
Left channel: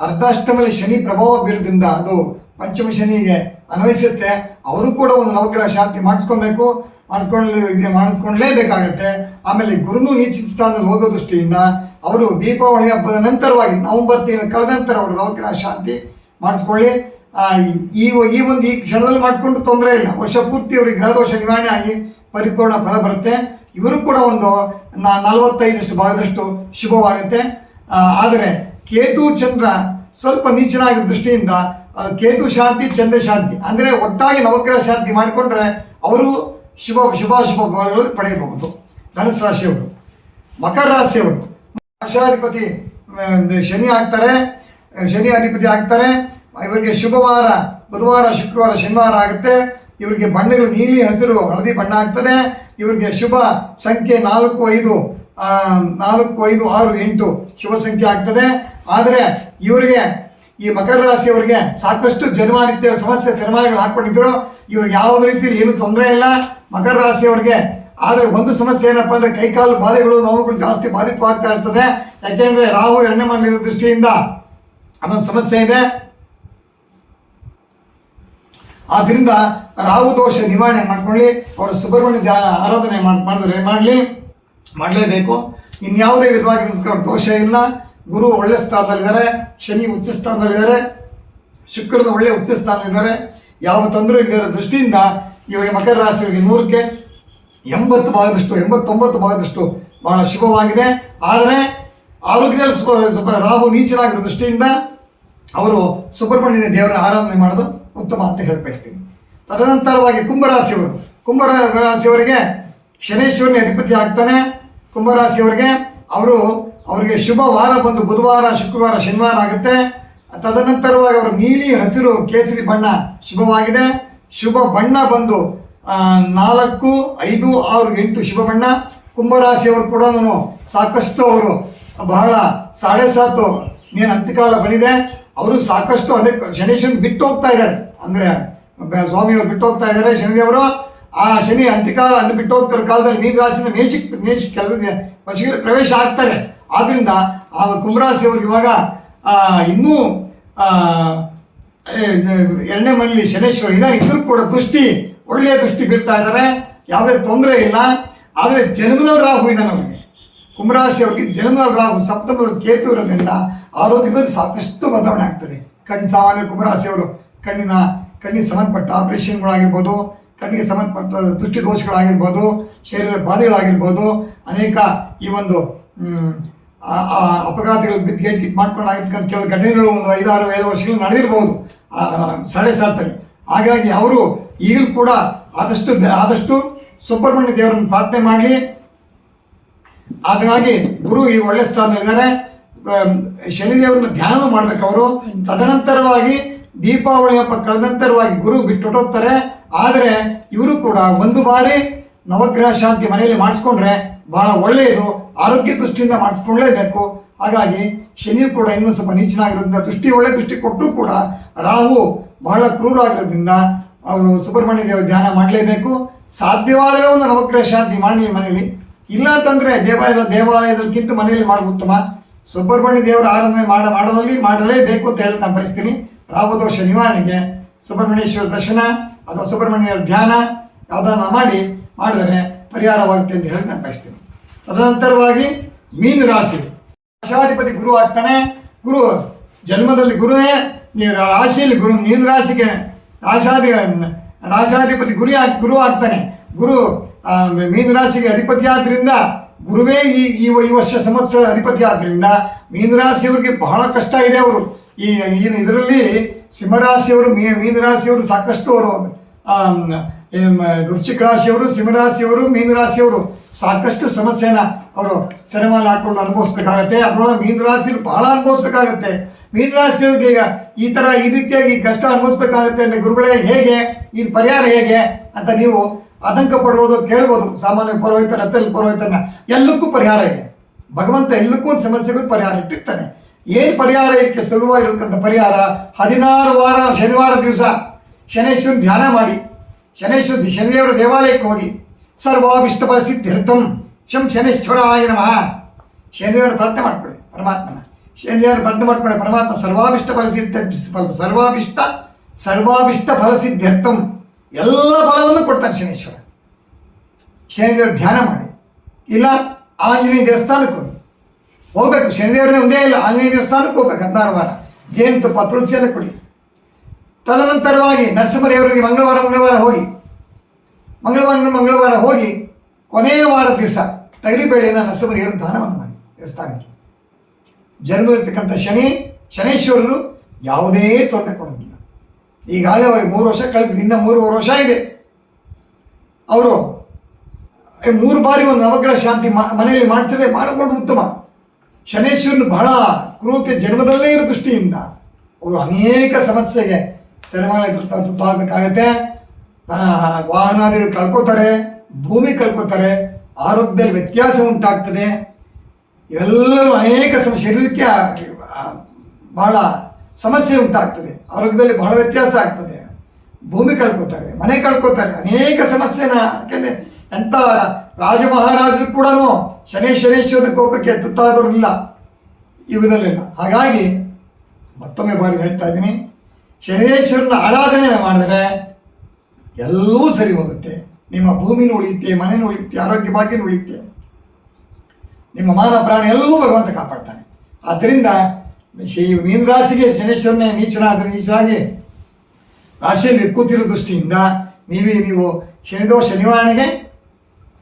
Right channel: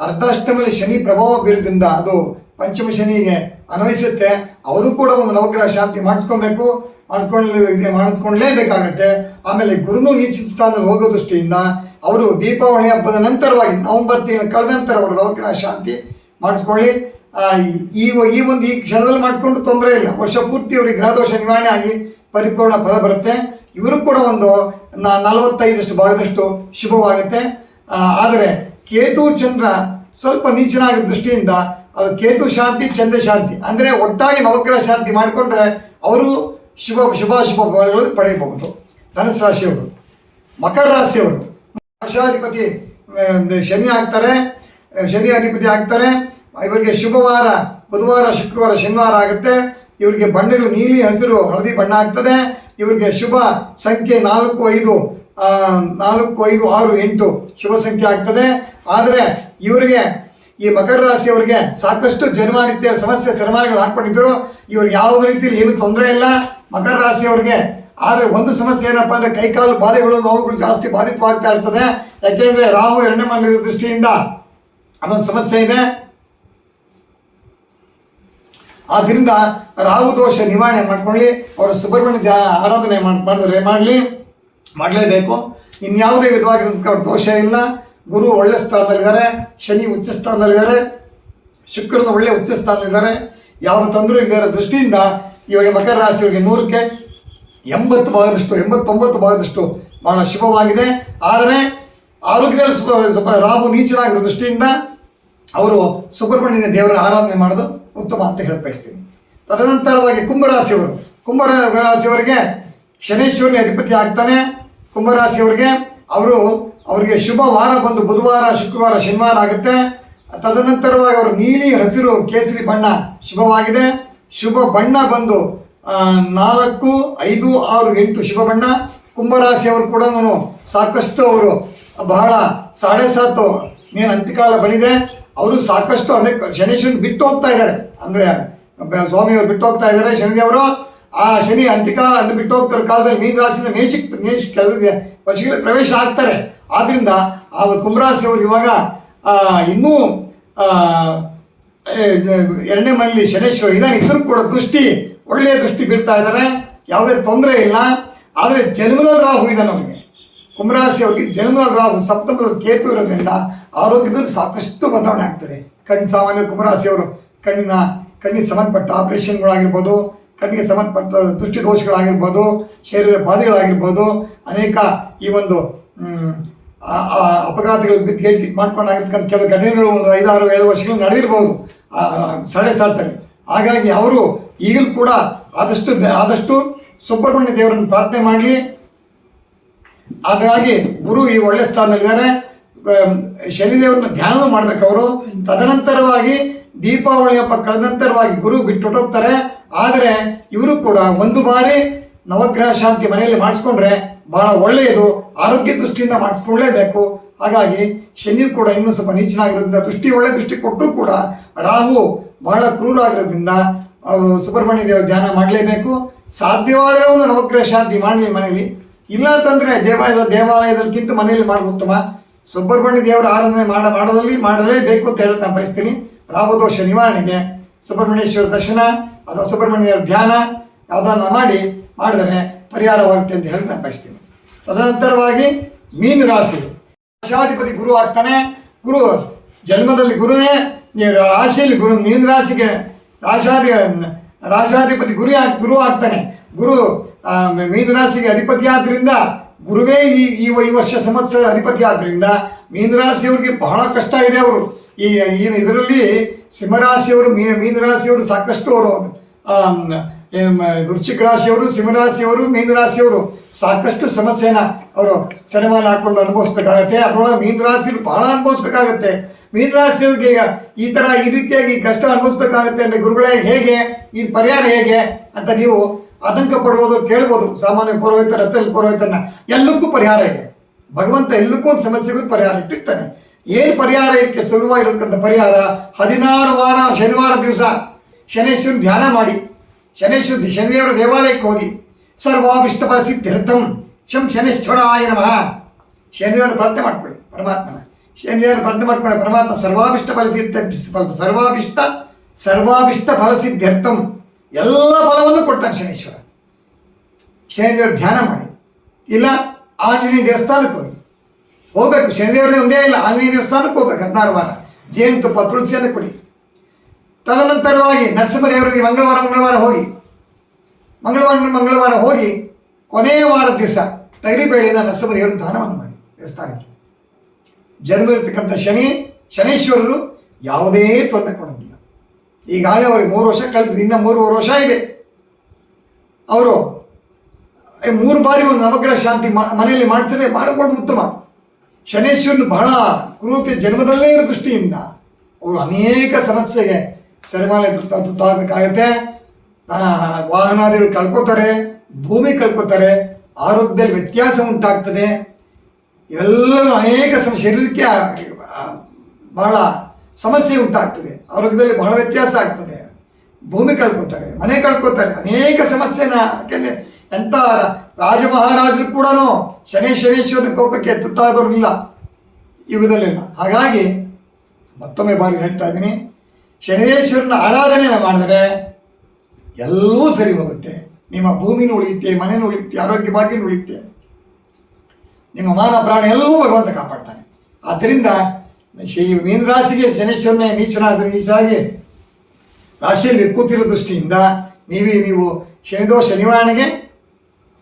ಅರ್ಧಾಷ್ಟಮದಲ್ಲಿ ಶನಿ ಪ್ರಭಾವ ಬೀರೋದ್ರಿಂದ ಅದು ಪಂಚಮ ಶನಿಗೆ ಅನ್ವಯಿಸುತ್ತೆ. ಅವರು ಕೂಡ ಒಂದು ನವಗ್ರಹ ಶಾಂತಿ ಮಾಡಿಸ್ಕೊಳ್ಳೇಬೇಕಾಗತ್ತೆ. ಆಮೇಲೆ ಗುರುನು ನೀಚ ಸ್ಥಾನದಲ್ಲಿ ಹೋಗೋ ದೃಷ್ಟಿಯಿಂದ ಅವರು ದೀಪಾವಳಿ ಹಬ್ಬದ ನಂತರವಾಗಿ ನವೆಂಬರ್ ತಿಂಗಳು ಕಳೆದ ನಂತರ ಅವರು ನವಗ್ರಹ ಶಾಂತಿ ಮಾಡಿಸ್ಕೊಳ್ಳಿ. ಈ ಕ್ಷಣದಲ್ಲಿ ಮಾಡಿಸ್ಕೊಂಡು ತೊಂದರೆ ಇಲ್ಲ. ವರ್ಷ ಪೂರ್ತಿ ಅವರಿಗೆ ಗ್ರಹದೋಷ ನಿವಾರಣೆ ಆಗಿ ಪರಿಪೂರ್ಣ ಫಲ ಬರುತ್ತೆ. ಇವರು ಕೂಡ ಒಂದು 45 ಭಾಗದಷ್ಟು ಶುಭವಾಗುತ್ತೆ. ಆದರೆ ಕೇತು ಚಂದ್ರ ಸ್ವಲ್ಪ ನೀಚನಾಗಿರೋ ದೃಷ್ಟಿಯಿಂದ ಅದು ಕೇತು ಶಾಂತಿ, ಚಂದ್ರ ಶಾಂತಿ ಅಂದರೆ ಒಟ್ಟಾಗಿ ನವಗ್ರಹ ಶಾಂತಿ ಮಾಡಿಕೊಂಡ್ರೆ ಅವರು ಶುಭ ಫಲಗಳು ಪಡೆಯಬಹುದು. ಧನುಸ್ ರಾಶಿಯವರು. ಮಕರ ರಾಶಿಯವರು ರಾಶಾಧಿಪತಿ ಶನಿ ಅಧಿಪತಿ ಆಗ್ತಾರೆ. ಇವರಿಗೆ ಶುಭವಾರ ಬುಧವಾರ, ಶುಕ್ರವಾರ, ಶನಿವಾರ ಆಗುತ್ತೆ. ಇವರಿಗೆ ಬಣ್ಣಗಳು ನೀಲಿ, ಹಸಿರು, ಹಳದಿ ಬಣ್ಣ ಆಗ್ತದೆ. ಇವರಿಗೆ ಶುಭ ಸಂಖ್ಯೆ 4, 5, 6, 8 ಶುಭ ಸಂಖ್ಯೆ ಆಗ್ತದೆ. ಆದರೆ ಇವರಿಗೆ ಈ ಮಕರ ರಾಶಿಯವರಿಗೆ ಸಾಕಷ್ಟು ಜನ್ಮಾನಿತ್ಯ ಸಮಸ್ಯೆ ಸರಮಾಲೆಗಳು ಹಾಕ್ಕೊಂಡಿದ್ದರು. ಇವ್ರಿಗೆ ಯಾವ ರೀತಿಯಲ್ಲಿ ಏನು ತೊಂದರೆ ಇಲ್ಲ ಮಕರ ರಾಶಿಯವರಿಗೆ. ಆದರೆ ಒಂದು ಸಮಸ್ಯೆ ಏನಪ್ಪ ಅಂದರೆ ಕೈಕಾಲು ಬಾಧೆಗಳು, ನೋವುಗಳು ಜಾಸ್ತಿ ಬಾಧಿತವಾಗ್ತಾ ಇರ್ತದೆ. ಯಾಕೆಂದರೆ ರಾಹು 2ನೇ ಮನೆಯಲ್ಲಿರೋ ದೃಷ್ಟಿಯಿಂದ ಅದೊಂದು ಸಮಸ್ಯೆ ಇದೆ. ಆದ್ದರಿಂದ ರಾಹು ದೋಷ ನಿವಾರಣೆ ಮಾಡ್ಕೊಳ್ಳಿ. ಅವರು ಸುಬ್ರಹ್ಮಣ್ಯ ಆರಾಧನೆ ಮಾಡಲೇಬೇಕು. ಇನ್ಯಾವುದೇ ವಿಧವಾಗಿರೋದಕ್ಕೆ ಅವ್ರ ದೋಷ ಇಲ್ಲ. ಗುರು ಒಳ್ಳೆ ಸ್ಥಾನದಲ್ಲಿದ್ದಾರೆ, ಶನಿ ಉಚ್ಚ ಸ್ಥಾನದಲ್ಲಿದ್ದಾರೆ, ಶುಕ್ರನ ಒಳ್ಳೆ ಉಚ್ಚ ಸ್ಥಾನದಲ್ಲಿದ್ದಾರೆ. ಯಾವ ತೊಂದರೆ ಇಲ್ಲದ ದೃಷ್ಟಿಯಿಂದ ಇವರಿಗೆ ಮಕರ ರಾಶಿಯವರಿಗೆ 100ಕ್ಕೆ 80 ಭಾಗದಷ್ಟು 89 ಭಾಗದಷ್ಟು ಬಹಳ ಶುಭವಾಗಿದೆ. ಆದರೆ ಆರೋಗ್ಯದಲ್ಲಿ ಸ್ವಲ್ಪ ರಾಹು ನೀಚನಾಗಿರೋ ದೃಷ್ಟಿಯಿಂದ ಅವರು ಸುಬ್ರಹ್ಮಣ್ಯ ದೇವರ ಆರಾಧನೆ ಮಾಡೋದು ಉತ್ತಮ ಅಂತ ಹೇಳಿ ಬಯಸ್ತೀನಿ. ತದನಂತರವಾಗಿ ಕುಂಭರಾಶಿಯವರಿಗೆ ಶನೇಶ್ವರನೇ ಅಧಿಪತಿ ಆಗ್ತಾನೆ. ಕುಂಭರಾಶಿಯವರಿಗೆ ಅವರಿಗೆ ಶುಭ ವಾರ ಬಂದು ಬುಧವಾರ, ಶುಕ್ರವಾರ, ಶನಿವಾರ ಆಗುತ್ತೆ. ತದನಂತರವಾಗಿ ಅವರು ನೀಲಿ, ಹಸಿರು, ಕೇಸರಿ ಬಣ್ಣ ಶುಭವಾಗಿದೆ. ಶುಭ ಬಣ್ಣ ಬಂದು 4, 5, 6, 8 ಶುಭ ಬಣ್ಣ. ಕುಂಭರಾಶಿಯವರು ಕೂಡ ಸಾಕಷ್ಟು ಅವರು ಬಹಳ 7.5 ನೀನು ಅಂತ್ಯಕಾಲ ಬಂದಿದೆ. ಅವರು ಸಾಕಷ್ಟು ಅಂದರೆ ಶನೇಶ್ವರನ್ ಬಿಟ್ಟು ಹೋಗ್ತಾ ಇದ್ದಾರೆ, ಅಂದರೆ ಸ್ವಾಮಿಯವರು ಬಿಟ್ಟು ಹೋಗ್ತಾ ಇದ್ದಾರೆ ಶನಿದೇವರು. ಆ ಶನಿ ಅಂತ್ಯಕಾಲ ಬಿಟ್ಟು ಹೋಗ್ತಿರೋ ಕಾಲದಲ್ಲಿ ಮೀನ ರಾಶಿಯಿಂದ ಮೇಷ ಕೆಲವು ವರ್ಷಗಳಲ್ಲಿ ಪ್ರವೇಶ ಆಗ್ತಾರೆ. ಆದ್ದರಿಂದ ಆ ಕುಂಭರಾಶಿಯವರು ಇವಾಗ ಇನ್ನೂ 2ನೇ ಮನೆಯಲ್ಲಿ ಶನೇಶ್ವರ ಇದ್ದಾನೆ. ಇದ್ರೂ ಕೂಡ ಒಳ್ಳೆಯ ದೃಷ್ಟಿ ಬೀಳ್ತಾ ಇದ್ದಾರೆ, ಯಾವುದೇ ತೊಂದರೆ ಇಲ್ಲ. ಆದರೆ ಜನ್ಮದಲ್ಲಿ ರಾಹು ಇದ್ದಾನೆ ಅವರಿಗೆ, ಕುಂಭರಾಶಿಯವರಿಗೆ ಜನ್ಮದಲ್ಲಿ ರಾಹು, ಸಪ್ತಮದಲ್ಲಿ ಕೇತು ಇರೋದ್ರಿಂದ ಆರೋಗ್ಯದಲ್ಲಿ ಸಾಕಷ್ಟು ಬದಲಾವಣೆ ಆಗ್ತದೆ. ಸಾಮಾನ್ಯ ಕುಂಭರಾಶಿಯವರು ಕಣ್ಣಿಗೆ ಸಂಬಂಧಪಟ್ಟ ಆಪರೇಷನ್ಗಳಾಗಿರ್ಬೋದು, ಕಣ್ಣಿಗೆ ಸಂಬಂಧಪಟ್ಟ ದೃಷ್ಟಿ ದೋಷಗಳಾಗಿರ್ಬೋದು, ಶರೀರ ಬಾಧೆಗಳಾಗಿರ್ಬೋದು, ಅನೇಕ ಈ ಒಂದು ಅಪಘಾತಗಳು ಗೇಟ್ ಮಾಡ್ಕೊಂಡಾಗಿರ್ತಕ್ಕಂಥ ಕೆಲವು ಘಟನೆಗಳು 5, 6, 7 ವರ್ಷಗಳು ನಡೆದಿರ್ಬೋದು 7.5. ಹಾಗಾಗಿ ಅವರು ಈಗಲೂ ಕೂಡ ಆದಷ್ಟು ಸುಬ್ರಹ್ಮಣ್ಯ ದೇವರನ್ನು ಪ್ರಾರ್ಥನೆ ಮಾಡಲಿ. ಹಾಗಾಗಿ ಗುರು ಈ ಒಳ್ಳೆ ಸ್ಥಾನದಲ್ಲಿದ್ದಾರೆ. ಶನಿದೇವರನ್ನ ಧ್ಯಾನ ಮಾಡಬೇಕು ಅವರು. ತದನಂತರವಾಗಿ ದೀಪಾವಳಿ ಹಬ್ಬ ಕಳೆದ ನಂತರವಾಗಿ ಗುರು ಬಿಟ್ಟು ಹೋಗ್ತಾರೆ. ಆದರೆ ಇವರು ಕೂಡ ಒಂದು ಬಾರಿ ನವಗ್ರಹ ಶಾಂತಿ ಮನೆಯಲ್ಲಿ ಮಾಡಿಸ್ಕೊಂಡ್ರೆ ಬಹಳ ಒಳ್ಳೆಯದು, ಆರೋಗ್ಯ ದೃಷ್ಟಿಯಿಂದ ಮಾಡಿಸ್ಕೊಳ್ಳೇಬೇಕು. ಹಾಗಾಗಿ ಶನಿಯು ಕೂಡ ಇನ್ನೂ ಸ್ವಲ್ಪ ನೀಚನಾಗಿರೋದ್ರಿಂದ ಒಳ್ಳೆ ದೃಷ್ಟಿ ಕೊಟ್ಟರೂ ಕೂಡ ರಾಹು ಬಹಳ ಕ್ರೂರ ಆಗಿರೋದ್ರಿಂದ ಅವರು ಸುಬ್ರಹ್ಮಣ್ಯ ದೇವರ ಧ್ಯಾನ ಮಾಡಲೇಬೇಕು. ಸಾಧ್ಯವಾದರೆ ಒಂದು ನವಗ್ರಹ ಶಾಂತಿ ಮಾಡಲಿ ಮನೆಯಲ್ಲಿ, ಇಲ್ಲ ಅಂತಂದರೆ ದೇವಾಲಯದಕ್ಕಿಂತ ಮನೆಯಲ್ಲಿ ಮಾಡೋದು ಉತ್ತಮ. ಸುಬ್ರಹ್ಮಣ್ಯ ದೇವರ ಆರಾಧನೆ ಮಾಡಲೇಬೇಕು ಅಂತ ಹೇಳಿ ನಾನು ಬಯಸ್ತೀನಿ. ರಾಹುದೋಷ ನಿವಾರಣೆಗೆ ಸುಬ್ರಹ್ಮಣ್ಯೇಶ್ವರ ದರ್ಶನ ಅಥವಾ ಸುಬ್ರಹ್ಮಣ್ಯ ದೇವರ ಧ್ಯಾನ ಯಾವುದನ್ನು ಮಾಡಿದರೆ ಪರಿಹಾರವಾಗುತ್ತೆ ಅಂತ ಹೇಳಿ ನಾನು ಬಯಸ್ತೀನಿ. ತದನಂತರವಾಗಿ ಮೀನ ರಾಶಿ ರಾಶಾಧಿಪತಿ ಗುರು ಆಗ್ತಾನೆ. ಗುರು ಜನ್ಮದಲ್ಲಿ ಗುರುವೇ ರಾಶಿಯಲ್ಲಿ ಗುರು ಮೀನ ರಾಶಿಗೆ ರಾಶಾಧಿಪತಿ ಗುರು ಆಗ್ತಾನೆ. ಗುರು ಮೀನ ರಾಶಿಗೆ ಅಧಿಪತಿ ಆದ್ದರಿಂದ ಗುರುವೇ ಈ ವರ್ಷ ಸಂವತ್ಸರ ಅಧಿಪತಿ ಆದ್ದರಿಂದ ಮೀನರಾಶಿಯವರಿಗೆ ಬಹಳ ಕಷ್ಟ ಇದೆ. ಅವರು ಇದರಲ್ಲಿ ಸಿಂಹರಾಶಿಯವರು ಮೀನರಾಶಿಯವರು ಸಾಕಷ್ಟು ಅವರು ವೃಶ್ಚಿಕ ರಾಶಿಯವರು ಸಿಂಹರಾಶಿಯವರು ಮೀನರಾಶಿಯವರು ಸಾಕಷ್ಟು ಸಮಸ್ಯೆನ ಅವರು ಸೆರೆಮಾಲೆ ಹಾಕ್ಕೊಂಡು ಅನುಭವಿಸ್ಬೇಕಾಗತ್ತೆ. ಅದರೊಳಗೆ ಮೀನರಾಶಿಯವರು ಬಹಳ ಅನುಭವಿಸ್ಬೇಕಾಗತ್ತೆ. ಮೀನರಾಶಿಯವ್ರಿಗೆ ಈ ರೀತಿಯಾಗಿ ಕಷ್ಟ ಅನುಭವಿಸ್ಬೇಕಾಗತ್ತೆ ಅಂದರೆ ಗುರುಗಳೇ ಹೇಗೆ, ಈ ಪರಿಹಾರ ಹೇಗೆ ಅಂತ ನೀವು ಆತಂಕ ಪಡ್ಬೋದು, ಕೇಳ್ಬೋದು. ಸಾಮಾನ್ಯ ಪುರೋಹಿತ ರಥದಲ್ಲಿ ಪುರೋಹಿತನ ಎಲ್ಲಕ್ಕೂ ಪರಿಹಾರ ಇದೆ. ಭಗವಂತ ಎಲ್ಲಕ್ಕೂ ಒಂದು ಸಮಸ್ಯೆಗೂ ಪರಿಹಾರ ಇಟ್ಟಿರ್ತಾನೆ. ಏನು ಪರಿಹಾರ ಇದಕ್ಕೆ ಸುಲಭವಾಗಿರತಕ್ಕಂಥ ಪರಿಹಾರ, 16 ವಾರ ಶನಿವಾರ ದಿವಸ ಶನೇಶ್ವರನ ಧ್ಯಾನ ಮಾಡಿ, ಶನಿದೇವರ ದೇವಾಲಯಕ್ಕೆ ಹೋಗಿ ಸರ್ವಾಭಿಷ್ಟಫಲ ಸಿದ್ಧ್ಯರ್ಥಂ ಶಂ ಶನೇಶ್ವರಾಯ ನಮಃ ಶನಿದೇವರ ಪ್ರಾರ್ಥನೆ ಮಾಡ್ಕೊಳ್ಳಿ. ಪರಮಾತ್ಮನ ಶನಿದೇವರ ಪ್ರಾರ್ಥನೆ ಮಾಡ್ಕೊಳ್ಳಿ. ಪರಮಾತ್ಮ ಸರ್ವಾಭಿಷ್ಟ ಫಲ ಸಿದ್ಧ್ಯರ್ಥಂ ಎಲ್ಲ ಫಲವನ್ನು ಕೊಡ್ತಾನೆ ಶನೇಶ್ವರ. ಶನಿದೇವರ ಧ್ಯಾನ ಮಾಡಿ, ಇಲ್ಲ ಆಂಜನೇಯ ದೇವಸ್ಥಾನಕ್ಕೆ ಹೋಗಬೇಕು. ಶನಿದೇವರೇ ಒಂದೇ ಇಲ್ಲ, ಆಂಜನೇಯ ದೇವಸ್ಥಾನಕ್ಕೆ ಹೋಗ್ಬೇಕು. 16 ವಾರ ಜೇನುತುಪ್ಪ ತುಳಸಿಯನ್ನು ಕೊಡಿ. ತದನಂತರವಾಗಿ ನರಸಿಂಹದೇವರಿಗೆ ಮಂಗಳವಾರ ಹೋಗಿ ಕೊನೆಯ ವಾರದ ದಿವಸ ತೈರಿಬೇಳೆಯನ್ನು ನರಸಿಂಹದೇವರ ದಾನವನ್ನು ಮಾಡಿ ದೇವಸ್ಥಾನಕ್ಕೆ. ಜನ್ಮದಲ್ಲಿರ್ತಕ್ಕಂಥ ಶನೇಶ್ವರರು ಯಾವುದೇ ತೊಂದರೆ ಕೊಡೋದಿಲ್ಲ. ಈಗಾಗಲೇ ಅವರಿಗೆ 3 ವರ್ಷ ಕಳೆದಿದೆ, ಇನ್ನು 3 ವರ್ಷ ಇದೆ. ಅವರು 3 ಬಾರಿ ಒಂದು ನವಗ್ರಹ ಶಾಂತಿ ಮನೆಯಲ್ಲಿ ಮಾಡಿಸಿದ್ರೆ ಮಾಡಿಕೊಂಡು ಉತ್ತಮ. ಶನೇಶ್ವರನು ಬಹಳ ಕ್ರೂರತೆ ಜನ್ಮದಲ್ಲೇ ಇರೋ ದೃಷ್ಟಿಯಿಂದ ಅವರು ಅನೇಕ ಸಮಸ್ಯೆಗೆ ಸೆರೆಮಾಲೆ ತುತ್ತಾಗಬೇಕಾಗತ್ತೆ. ವಾಹನಾದಿಗಳು ಕಳ್ಕೊತಾರೆ, ಭೂಮಿ ಕಳ್ಕೊತಾರೆ, ಆರೋಗ್ಯದಲ್ಲಿ ವ್ಯತ್ಯಾಸ ಉಂಟಾಗ್ತದೆ. ಇವೆಲ್ಲರೂ ಅನೇಕ ಶರೀರಕ್ಕೆ ಬಹಳ ಸಮಸ್ಯೆ ಉಂಟಾಗ್ತದೆ, ಆರೋಗ್ಯದಲ್ಲಿ ಬಹಳ ವ್ಯತ್ಯಾಸ ಆಗ್ತದೆ, ಭೂಮಿ ಕಳ್ಕೊತಾರೆ, ಮನೆ ಕಳ್ಕೊತಾರೆ, ಅನೇಕ ಸಮಸ್ಯೆನ. ಯಾಕೆಂದರೆ ಎಂಥ ರಾಜ ಮಹಾರಾಜರು ಕೂಡ ಶನೇಶ್ವರನ ಕೋಪಕ್ಕೆ ತುತ್ತಾದವರಿಲ್ಲ ಯುಗದಲ್ಲಿಲ್ಲ. ಹಾಗಾಗಿ ಮತ್ತೊಮ್ಮೆ ಬಾರಿ ಹೇಳ್ತಾ ಇದ್ದೀನಿ, ಶನೇಶ್ವರನ ಆರಾಧನೆ ಮಾಡಿದ್ರೆ ಎಲ್ಲವೂ ಸರಿ ಹೋಗುತ್ತೆ. ನಿಮ್ಮ ಭೂಮಿನೂ ಉಳಿಯುತ್ತೆ, ಮನೆಯೂ ಉಳಿಯುತ್ತೆ, ಆರೋಗ್ಯ ಭಾಗ್ಯನೂ ಉಳಿಯುತ್ತೆ, ನಿಮ್ಮ ಮಾನ ಪ್ರಾಣ ಎಲ್ಲವೂ ಭಗವಂತ ಕಾಪಾಡ್ತಾನೆ. ಆದ್ದರಿಂದ ಮೀನರಾಶಿಗೆ ಶನೇಶ್ವರನೇ ನೀಚನಾಗಿ ರಾಶಿಯಲ್ಲಿ ಕೂತಿರೋ ದೃಷ್ಟಿಯಿಂದ ನೀವು ಶನಿದೋಷ ನಿವಾರಣೆಗೆ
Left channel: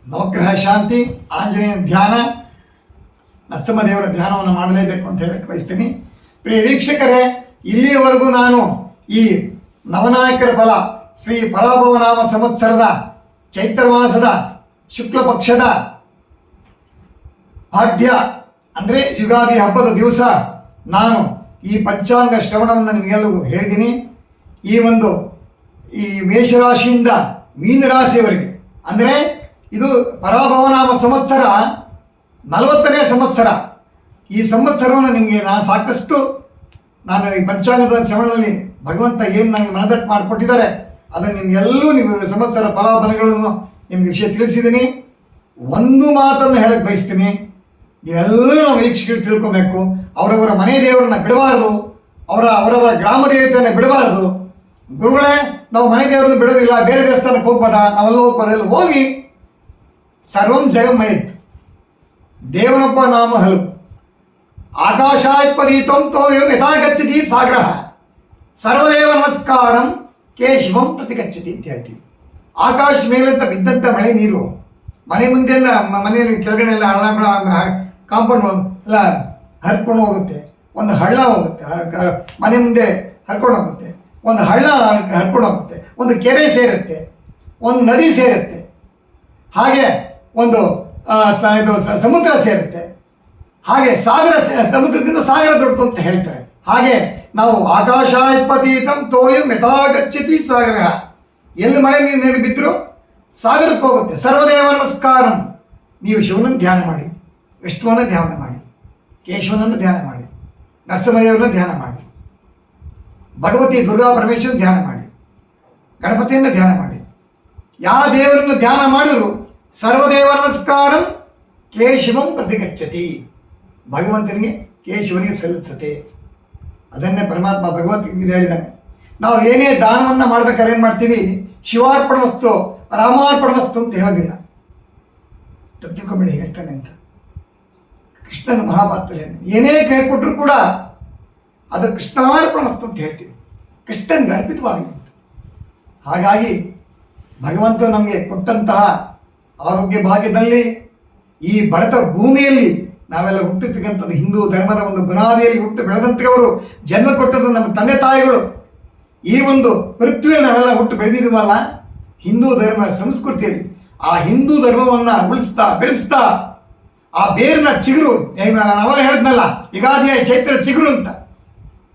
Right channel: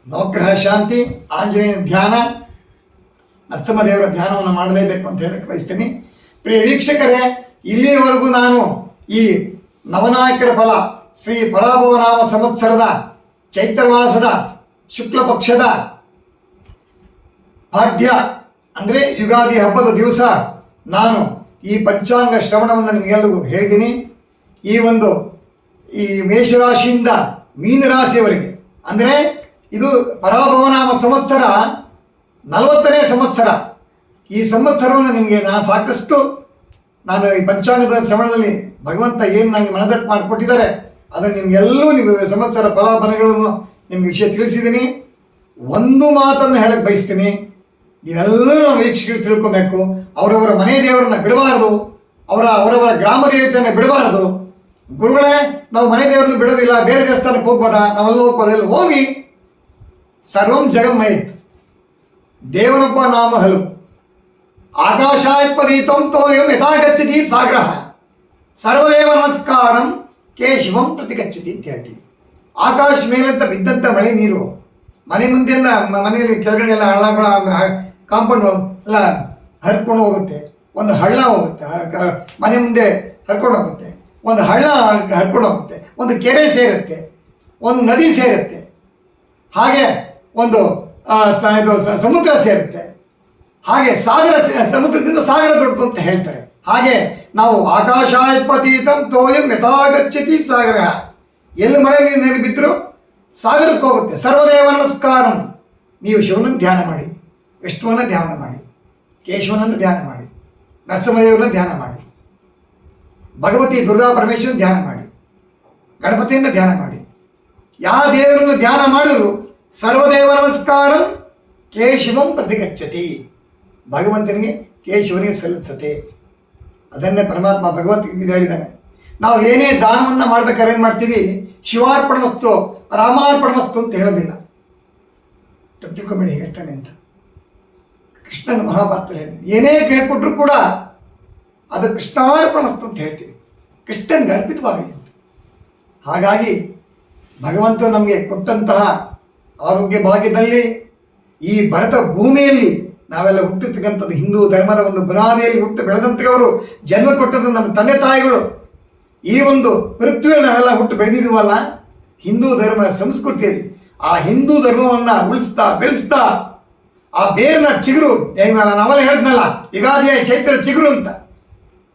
ನವಗ್ರಹ ಶಾಂತಿ, ಆಂಜನೇಯನ ಧ್ಯಾನ, ನರಸಿಂಹದೇವರ ಧ್ಯಾನವನ್ನು ಮಾಡಲೇಬೇಕು ಅಂತ ಹೇಳಕ್ಕೆ ಬಯಸ್ತೀನಿ. ಪ್ರಿಯ ವೀಕ್ಷಕರೇ, ಇಲ್ಲಿಯವರೆಗೂ ನಾನು ಈ ನವನಾಯಕರ ಫಲ ಶ್ರೀ ಪರಾಭವನಾಮ ಸಂವತ್ಸರದ ಚೈತ್ರ ಮಾಸದ ಶುಕ್ಲ ಪಕ್ಷದ ಪಾಡ್ಯ ಅಂದರೆ ಯುಗಾದಿ ಹಬ್ಬದ ದಿವಸ ನಾನು ಈ ಪಂಚಾಂಗ ಶ್ರವಣವನ್ನು ನಿಮಗೆಲ್ಲರಿಗೂ ಹೇಳಿದ್ದೀನಿ. ಈ ಮೇಷರಾಶಿಯಿಂದ ಮೀನರಾಶಿಯವರೆಗೆ ಅಂದರೆ ಇದು ಪರಾಭವನಾಮ ಸಂವತ್ಸರ 40ನೇ ಸಂವತ್ಸರ. ಈ ಸಂವತ್ಸರವನ್ನು ನಿಮಗೆ ನಾನು ಈ ಪಂಚಾಂಗದ ಶ್ರವಣದಲ್ಲಿ ಭಗವಂತ ಏನು ನನಗೆ ಮನದಟ್ಟು ಮಾಡಿಕೊಟ್ಟಿದ್ದಾರೆ ಅದನ್ನು ನಿಮಗೆಲ್ಲೂ ನೀವು ಸಂವತ್ಸರ ಫಲಾಫಲಗಳನ್ನು ನಿಮಗೆ ವಿಷಯ ತಿಳಿಸಿದ್ದೀನಿ. ಒಂದು ಮಾತನ್ನು ಹೇಳಕ್ಕೆ ಬಯಸ್ತೀನಿ, ನೀವೆಲ್ಲರೂ ನಾವು ವೀಕ್ಷಕರು ತಿಳ್ಕೊಬೇಕು. ಅವರವರ ಮನೆ ದೇವರನ್ನ ಬಿಡಬಾರದು, ಅವರವರ ಗ್ರಾಮ ದೇವತೆಯನ್ನು ಬಿಡಬಾರದು. ಗುರುಗಳೇ, ನಾವು ಮನೆ ದೇವರನ್ನು ಬಿಡೋದಿಲ್ಲ, ಬೇರೆ ದೇವಸ್ಥಾನಕ್ಕೆ ಹೋಗ್ಬೋದಾ? ನಾವೆಲ್ಲ ಹೋಗ್ಬೋದೆಲ್ಲ ಹೋಗಿ. ಸರ್ವಂ ಜಗಮ್ಮಯತ್, ದೇವನೊಬ್ಬ ನಾಮ ಹಲವು. ಆಕಾಶಾತ್ಪದೀತಂ ತೋಯಂ ಯಥಾಗಚ್ಚತಿ ಸಾಗ್ರಹ, ಸರ್ವದೇವ ನಮಸ್ಕಾರಂ ಕೇಶವಂ ಪ್ರತಿಗಚ್ಚತಿ ಅಂತ ಹೇಳ್ತೀವಿ. ಆಕಾಶ ಮೇಲಂತ ಬಿದ್ದಂಥ ಮಳೆ ನೀರು ಮನೆ ಮುಂದೆಲ್ಲ, ಮನೆಯಲ್ಲಿ ಕೆಳಗಡೆ ಎಲ್ಲ ಹಳ್ಳ ಕಾಂಪೌಂಡ್ ಎಲ್ಲ ಹರ್ಕೊಂಡು ಹೋಗುತ್ತೆ. ಒಂದು ಹಳ್ಳ ಹೋಗುತ್ತೆ, ಮನೆ ಮುಂದೆ ಹರ್ಕೊಂಡು ಹೋಗುತ್ತೆ. ಒಂದು ಹಳ್ಳ ಹರ್ಕೊಂಡು ಹೋಗುತ್ತೆ, ಒಂದು ಕೆರೆ ಸೇರುತ್ತೆ, ಒಂದು ನದಿ ಸೇರುತ್ತೆ, ಹಾಗೆ ಒಂದು ಸಮುದ್ರ ಸೇರುತ್ತೆ. ಹಾಗೆ ಸಮುದ್ರದಿಂದ ಸಾಗರ ದೊಡ್ಡದು ಅಂತ ಹೇಳ್ತಾರೆ. ಹಾಗೆ ನಾವು ಆಕಾಶಾತ್ಪತೀತಂ ತೋಯಂ ಯಥಾಗಚ್ಚತಿ ಸಾಗರ, ಎಲ್ಲಿ ಮಳೆ ನೀರು ಬಿದ್ದರೂ ಸಾಗರಕ್ಕೆ ಹೋಗುತ್ತೆ. ಸರ್ವದೇವ ನಮಸ್ಕಾರಂ, ನೀವು ಶಿವನನ್ನು ಧ್ಯಾನ ಮಾಡಿ, ವಿಷ್ಣುವನ್ನು ಧ್ಯಾನ ಮಾಡಿ, ಕೇಶವನನ್ನು ಧ್ಯಾನ ಮಾಡಿ, ನರಸಿಂಹದೇವರನ್ನು ಧ್ಯಾನ ಮಾಡಿ, ಭಗವತಿ ದುರ್ಗಾ ಪರಮೇಶ್ವರನ ಧ್ಯಾನ ಮಾಡಿ, ಗಣಪತಿಯನ್ನು ಧ್ಯಾನ ಮಾಡಿ. ಯಾವ ದೇವರನ್ನು ಧ್ಯಾನ ಮಾಡಿದ್ರು ಸರ್ವದೇವ ನಮಸ್ಕಾರಂ ಕೇಶವಂ ಪ್ರತಿಗಚ್ಚತಿ, ಭಗವಂತನಿಗೆ ಕೇಶವನಿಗೆ ಸಲ್ಲುತ್ತದೆ. ಅದನ್ನೇ ಪರಮಾತ್ಮ ಭಗವಂತನಿಗೆ ಹೇಳಿದ್ದಾನೆ. ನಾವು ಏನೇ ದಾನವನ್ನು ಮಾಡ್ಬೇಕಾದ್ರೆ ಏನು ಮಾಡ್ತೀವಿ? ಶಿವಾರ್ಪಣ ವಸ್ತು ರಾಮಾರ್ಪಣ ವಸ್ತು ಅಂತ ಹೇಳೋದಿಲ್ಲ. ತಿಳ್ಕೊಂಬೇಡಿ ಹೇಳ್ತಾನೆ ಅಂತ. ಕೃಷ್ಣನ ಮಹಾಭಾರತದಲ್ಲಿ ಹೇಳಿದ್ದಾನೆ, ಏನೇ ಕೇಳ್ಕೊಟ್ರು ಕೂಡ ಅದು ಕೃಷ್ಣಾರ್ಪಣ ವಸ್ತು ಅಂತ ಹೇಳ್ತೀವಿ, ಕೃಷ್ಣನಿಗೆ ಅರ್ಪಿತವಾಗಲಿ ಅಂತ. ಹಾಗಾಗಿ ಭಗವಂತ ನಮಗೆ ಕೊಟ್ಟಂತಹ ಆರೋಗ್ಯ ಭಾಗ್ಯದಲ್ಲಿ ಈ ಭರತ ಭೂಮಿಯಲ್ಲಿ ನಾವೆಲ್ಲ ಹುಟ್ಟಿರ್ತಕ್ಕಂಥದ್ದು ಹಿಂದೂ ಧರ್ಮದ ಒಂದು ಬುನಾದಿಯಲ್ಲಿ ಹುಟ್ಟು ಬೆಳೆದಂಥವರು, ಜನ್ಮ ಕೊಟ್ಟದ್ದು ನಮ್ಮ ತಂದೆ ತಾಯಿಗಳು. ಈ ಒಂದು ಪೃಥ್ವಿಯಲ್ಲಿ ನಾವೆಲ್ಲ ಹುಟ್ಟು ಬೆಳೆದಿದ್ದೀವಲ್ಲ, ಹಿಂದೂ ಧರ್ಮ ಸಂಸ್ಕೃತಿಯಲ್ಲಿ ಆ ಹಿಂದೂ ಧರ್ಮವನ್ನು ಉಳಿಸ್ತಾ ಬೆಳೆಸ್ತಾ ಆ ಬೇರಿನ ಚಿಗುರು, ನಾವೆಲ್ಲ ಹೇಳಿದ್ನಲ್ಲ ಯುಗಾದಿಯ ಚೈತ್ರ ಚಿಗುರು ಅಂತ,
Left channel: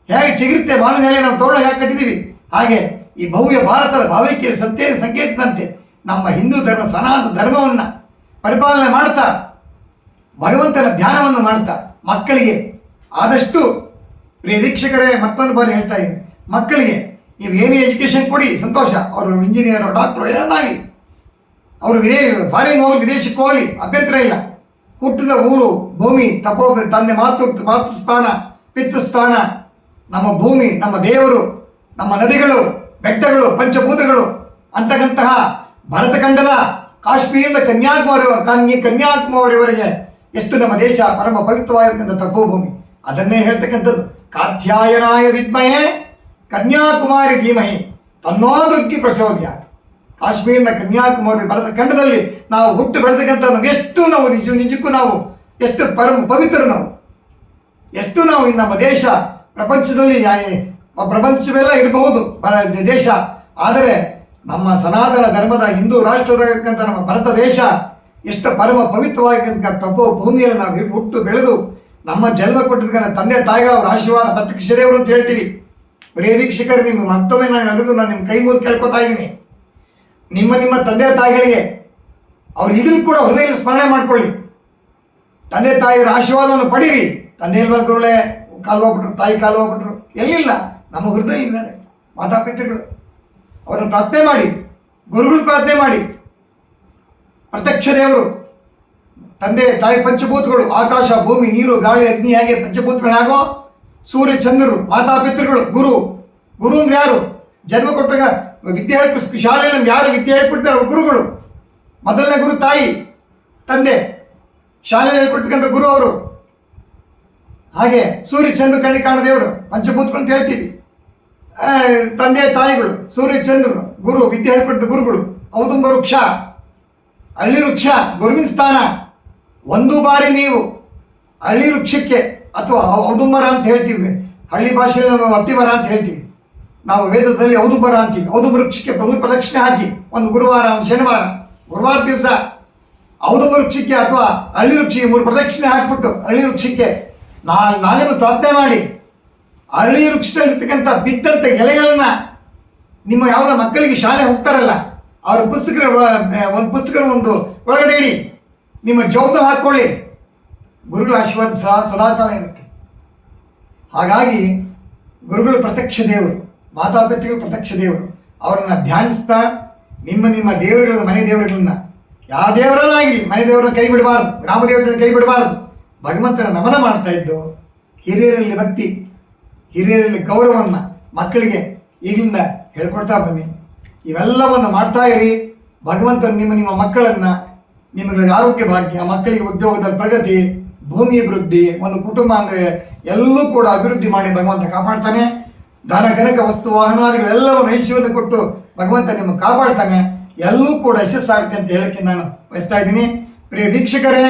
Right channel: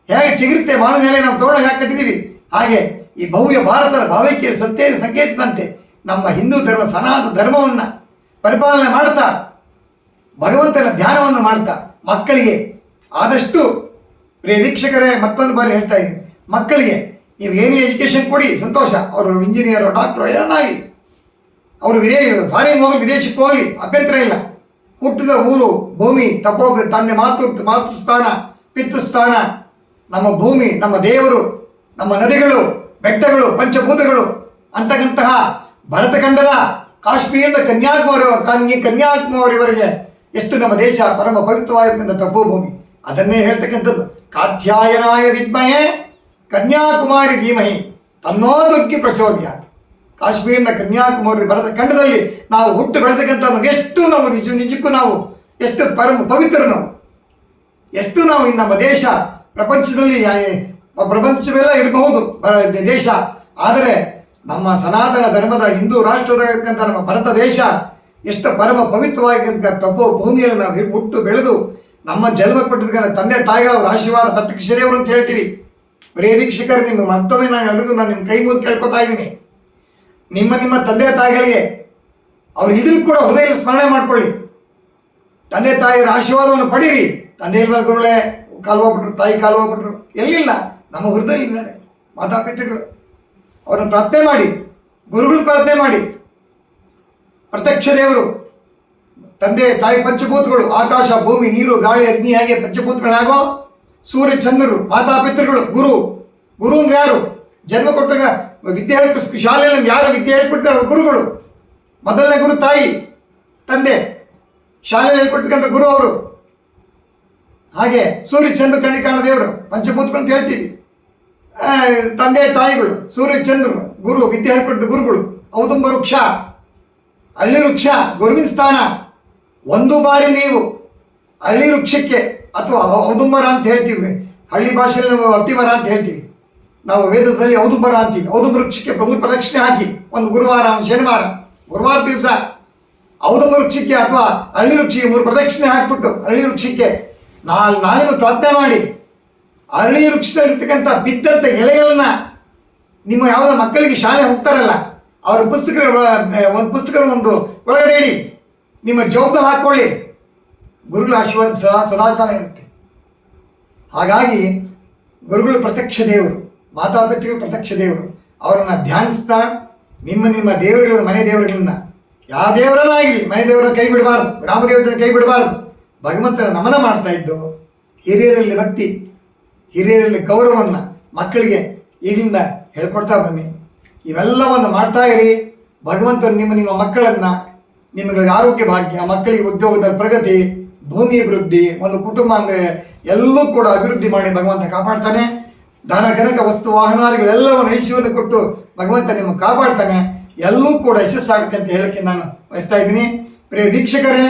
ಹೇಗೆ ಚಿಗುರುತ್ತೆ ಮಾವಿನ ಮೇಲೆ ನಾವು ತೋರಣ ಯಾಕೆ ಕಟ್ಟಿದ್ದೀವಿ, ಹಾಗೆ ಈ ಭವ್ಯ ಭಾರತದ ಭಾವೈಕ್ಯ ಸತ್ಯದ ಸಂಕೇತದಂತೆ ನಮ್ಮ ಹಿಂದೂ ಧರ್ಮ ಸನಾತನ ಧರ್ಮವನ್ನು ಪರಿಪಾಲನೆ ಮಾಡ್ತಾ ಭಗವಂತನ ಧ್ಯಾನವನ್ನು ಮಾಡ್ತಾ ಮಕ್ಕಳಿಗೆ ಆದಷ್ಟು ಪ್ರಿಯ ವೀಕ್ಷಕರೇ, ಮತ್ತೊಂದು ಬಾರಿ ಹೇಳ್ತಾ ಇದ್ದೀನಿ, ಮಕ್ಕಳಿಗೆ ನೀವು ಏನೇ ಎಜುಕೇಷನ್ ಕೊಡಿ ಸಂತೋಷ. ಅವರು ಇಂಜಿನಿಯರು ಡಾಕ್ಟ್ರು ಏನಾಗಲಿ, ಅವರು ಫಾರಿನ್ ಹೋಗಲಿ ವಿದೇಶಕ್ಕೆ ಹೋಗಲಿ ಅಭ್ಯಂತರ ಇಲ್ಲ. ಹುಟ್ಟಿದ ಊರು ಭೂಮಿ ತಂದೆ ಮಾತೃಸ್ಥಾನ ಪಿತೃಸ್ಥಾನ, ನಮ್ಮ ಭೂಮಿ, ನಮ್ಮ ದೇವರು, ನಮ್ಮ ನದಿಗಳು, ಬೆಟ್ಟಗಳು, ಪಂಚಭೂತಗಳು ಅಂತಕ್ಕಂತಹ ಭರತಖಂಡದ ಕಾಶ್ಮೀರದ ಕನ್ಯಾಕುಮಾರಿವರೆಗೆ ಎಷ್ಟು ನಮ್ಮ ದೇಶ ಪರಮ ಪವಿತ್ರವಾಗಿರ್ತಕ್ಕಂಥ ತಪೋಭೂಮಿ. ಅದನ್ನೇ ಹೇಳ್ತಕ್ಕಂಥದ್ದು, ಕಾತ್ಯಾಯನಾಯ ವಿದ್ಮಹೇ ಕನ್ಯಾಕುಮಾರಿ ಧೀಮಹಿ ತನ್ನೋ ದುರ್ಗಿ ಪ್ರಚೋದಯಾತ್. ಕಾಶ್ಮೀರಿನ ಕನ್ಯಾಕುಮಾರಿ ಭರತಖಂಡದಲ್ಲಿ ನಾವು ಹುಟ್ಟು ಬೆಳೆದಕ್ಕಂಥ ಎಷ್ಟು ನಾವು ನಿಜಕ್ಕೂ ನಾವು ಎಷ್ಟು ಪರಮ ಪವಿತ್ರ, ಎಷ್ಟು ನಾವು ನಮ್ಮ ದೇಶ ಪ್ರಪಂಚವೆಲ್ಲ ಇರಬಹುದು ದೇಶ, ಆದರೆ ನಮ್ಮ ಸನಾತನ ಧರ್ಮದ ಹಿಂದೂ ರಾಷ್ಟ್ರದಕ್ಕಂಥ ನಮ್ಮ ಭಾರತ ದೇಶ ಎಷ್ಟು ಪರಮ ಪವಿತ್ರವಾಗಿರ್ತಕ್ಕ ತಪೋ ಭೂಮಿಯಲ್ಲಿ ನಾವು ಹುಟ್ಟು ಬೆಳೆದು ನಮ್ಮ ಜನ್ಮ ಕೊಟ್ಟಿದ್ದಕ್ಕೆ ತಂದೆ ತಾಯಿಗಳವರ ಆಶೀರ್ವಾದ ಪ್ರತ್ಯಕ್ಷರೇವರು ಅಂತ ಹೇಳ್ತೀವಿ. ಬರೀ ವೀಕ್ಷಕರು, ನಿಮ್ಮ ಮತ್ತೊಮ್ಮೆ ನಾನು ನಿಮ್ಮ ಕೈ ಮುಗಿದು ಕೇಳ್ಕೊತಾ ಇದ್ದೀನಿ, ನಿಮ್ಮ ತಂದೆ ತಾಯಿಗಳಿಗೆ ಅವ್ರು ಹಿಡಿದು ಕೂಡ ಹೃದಯ ಸ್ಮರಣೆ ಮಾಡ್ಕೊಳ್ಳಿ, ತಂದೆ ತಾಯಿಯರ ಆಶೀರ್ವಾದವನ್ನು ಪಡೀರಿ. ತಂದೆ ಗುರುಗಳೇ ಕಾಲ್ವಾಗ್ಬಿಟ್ರು, ತಾಯಿ ಕಾಲ್ವಾಗ್ಬಿಟ್ರು, ಎಲ್ಲಿಲ್ಲ, ನಮ್ಮ ಹೃದಯದಲ್ಲಿದ್ದಾರೆ ಮಾತಾಪಿತೃಗಳು. ಅವರನ್ನು ಪ್ರಾರ್ಥನೆ ಮಾಡಿ, ಗುರುಗಳು ಪ್ರಾರ್ಥನೆ ಮಾಡಿ. ಪ್ರತ್ಯಕ್ಷ ದೇವರು ತಂದೆ ತಾಯಿ ಪಂಚಭೂತಗಳು, ಆಕಾಶ ಭೂಮಿ ನೀರು ಗಾಳಿ ಅಗ್ನಿ, ಹಾಗೆ ಪಂಚಭೂತಗಳಾಗೋ ಸೂರ್ಯ ಚಂದ್ರರು ಮಾತಾಪಿತೃಗಳು. ಗುರು ಅಂದ್ರೆ ಯಾರು? ಜನ್ಮ ಕೊಟ್ಟಾಗ ವಿದ್ಯೆ ಶಾಲೆಯಲ್ಲಿ ಯಾರು ವಿದ್ಯೆ ಹೇಳ್ಕೊಡ್ತಾರೆ ಗುರುಗಳು. ಮೊದಲನೇ ಗುರು ತಾಯಿ ತಂದೆ, ಶಾಲೆಯಲ್ಲಿ ಹೇಳ್ಕೊಡ್ತಕ್ಕಂಥ ಗುರು ಅವರು. ಹಾಗೆ ಸೂರ್ಯ ಚಂದ್ರ ಕಣ್ಣಿ ಕಾಣ ದೇವರು ಪಂಚಭೂತಗಳು ಅಂತ ಹೇಳ್ತೀವಿ. ತಂದೆ ತಾಯಿಗಳು, ಸೂರ್ಯ ಚಂದ್ರರು, ಗುರು ವಿದ್ಯೆ ಹೇಳ್ಕೊಟ್ಟಿದ್ದ ಗುರುಗಳು. ಔದುಂಬ ವೃಕ್ಷ, ಅರಳಿ ವೃಕ್ಷ ಗುರುವಿನ ಸ್ಥಾನ. ಒಂದು ಬಾರಿ ನೀವು ಅರಳಿ ವೃಕ್ಷಕ್ಕೆ ಅಥವಾ ಔದುಂಬರ ಅಂತ ಹೇಳ್ತೀವಿ, ಹಳ್ಳಿ ಭಾಷೆಯಲ್ಲಿ ನಾವು ಅತ್ತಿಮರ ಅಂತ ಹೇಳ್ತೀವಿ, ನಾವು ವೇದದಲ್ಲಿ ಔದುಂಬರ ಅಂತೀವಿ. ಔದುಂಬ ವೃಕ್ಷಕ್ಕೆ ಪ್ರದಕ್ಷಿಣೆ ಹಾಕಿ ಒಂದು ಗುರುವಾರ, ಒಂದು ಶನಿವಾರ, ಗುರುವಾರ ದಿವಸ ಔದುಂಬ ವೃಕ್ಷಕ್ಕೆ ಅಥವಾ ಅರಳಿ ವೃಕ್ಷಕ್ಕೆ 3 ಪ್ರದಕ್ಷಿಣೆ ಹಾಕಿಬಿಟ್ಟು ಅರಳಿ ವೃಕ್ಷಕ್ಕೆ ನಾಳೆನೂ ಪ್ರಾರ್ಥನೆ ಮಾಡಿ, ಅರಳಿ ವೃಕ್ಷದಲ್ಲಿರ್ತಕ್ಕಂಥ ಬಿದ್ದಂಥ ಎಲೆಗಳನ್ನ ನಿಮ್ಮ ಯಾವುದೋ ಮಕ್ಕಳಿಗೆ ಶಾಲೆ ಹೋಗ್ತಾರಲ್ಲ ಅವರ ಒಂದು ಪುಸ್ತಕವನ್ನು ಒಳಗಡೆ ಇಡಿ, ನಿಮ್ಮ ಜವಾಬ್ದಾರಿ ಹಾಕ್ಕೊಳ್ಳಿ. ಗುರುಗಳ ಆಶೀರ್ವಾದ ಸದಾಕಾಲ ಇರುತ್ತೆ. ಹಾಗಾಗಿ ಗುರುಗಳು ಪ್ರತ್ಯಕ್ಷ ದೇವರು, ಮಾತಾಪಿತೃಗಳು ಪ್ರತ್ಯಕ್ಷ ದೇವರು. ಅವರನ್ನು ಧ್ಯಾನಿಸ್ತಾ ನಿಮ್ಮ ದೇವರುಗಳನ್ನ, ಮನೆ ದೇವರುಗಳನ್ನ, ಯಾವ ದೇವರನ್ನಾಗಲಿ ಮನೆ ದೇವರನ್ನ ಕೈ ಬಿಡಬಾರ್ದು, ಗ್ರಾಮ ದೇವರನ್ನ ಕೈ ಬಿಡಬಾರ್ದು. ಭಗವಂತನ ನಮನ ಮಾಡ್ತಾ ಇದ್ದು ಹಿರಿಯರಲ್ಲಿ ಭಕ್ತಿ, ಹಿರಿಯರಲ್ಲಿ ಗೌರವವನ್ನು ಮಕ್ಕಳಿಗೆ ಈಗಲಿಂದ ಹೇಳ್ಕೊಡ್ತಾ ಬನ್ನಿ. ಇವೆಲ್ಲವನ್ನು ಮಾಡ್ತಾ ಇರಿ. ಭಗವಂತನು ನಿಮ್ಮ ಮಕ್ಕಳನ್ನು, ನಿಮಗೆ ಆರೋಗ್ಯ ಭಾಗ್ಯ, ಮಕ್ಕಳಿಗೆ ಉದ್ಯೋಗದಲ್ಲಿ ಪ್ರಗತಿ, ಭೂಮಿ ಅಭಿವೃದ್ಧಿ, ಒಂದು ಕುಟುಂಬ ಅಂದರೆ ಎಲ್ಲೂ ಕೂಡ ಅಭಿವೃದ್ಧಿ ಮಾಡಿ ಭಗವಂತ ಕಾಪಾಡ್ತಾನೆ. ಧನ ಕನಕ ವಸ್ತು ವಾಹನಾದಿಗಳೆಲ್ಲವನ್ನು ಐಶ್ವರ್ಯ ಕೊಟ್ಟು ಭಗವಂತ ನಿಮಗೆ ಕಾಪಾಡ್ತಾನೆ. ಎಲ್ಲೂ ಕೂಡ ಯಶಸ್ಸಾಗುತ್ತೆ ಅಂತ ಹೇಳೋಕ್ಕೆ ನಾನು ಬಯಸ್ತಾ ಇದ್ದೀನಿ. ಪ್ರಿಯ ವೀಕ್ಷಕರೇ,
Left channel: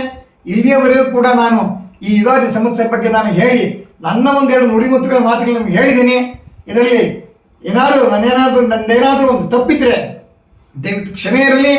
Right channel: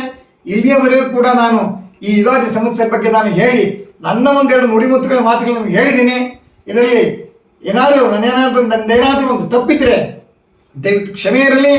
ಇಲ್ಲಿಯವರೆಗೂ ಕೂಡ ನಾನು ಈ ಯುಗಾದಿ ಸಂವತ್ಸರ ಬಗ್ಗೆ ನಾನು ಹೇಳಿ ನನ್ನ ಒಂದೆರಡು ನುಡಿಮುತ್ತುಗಳ ಮಾತುಗಳನ್ನು ಹೇಳಿದ್ದೀನಿ. ಇದರಲ್ಲಿ ನಂದೇನಾದರೂ ಒಂದು ತಪ್ಪಿದ್ರೆ ದಯವಿಟ್ಟು ಕ್ಷಮೆ ಇರಲಿ.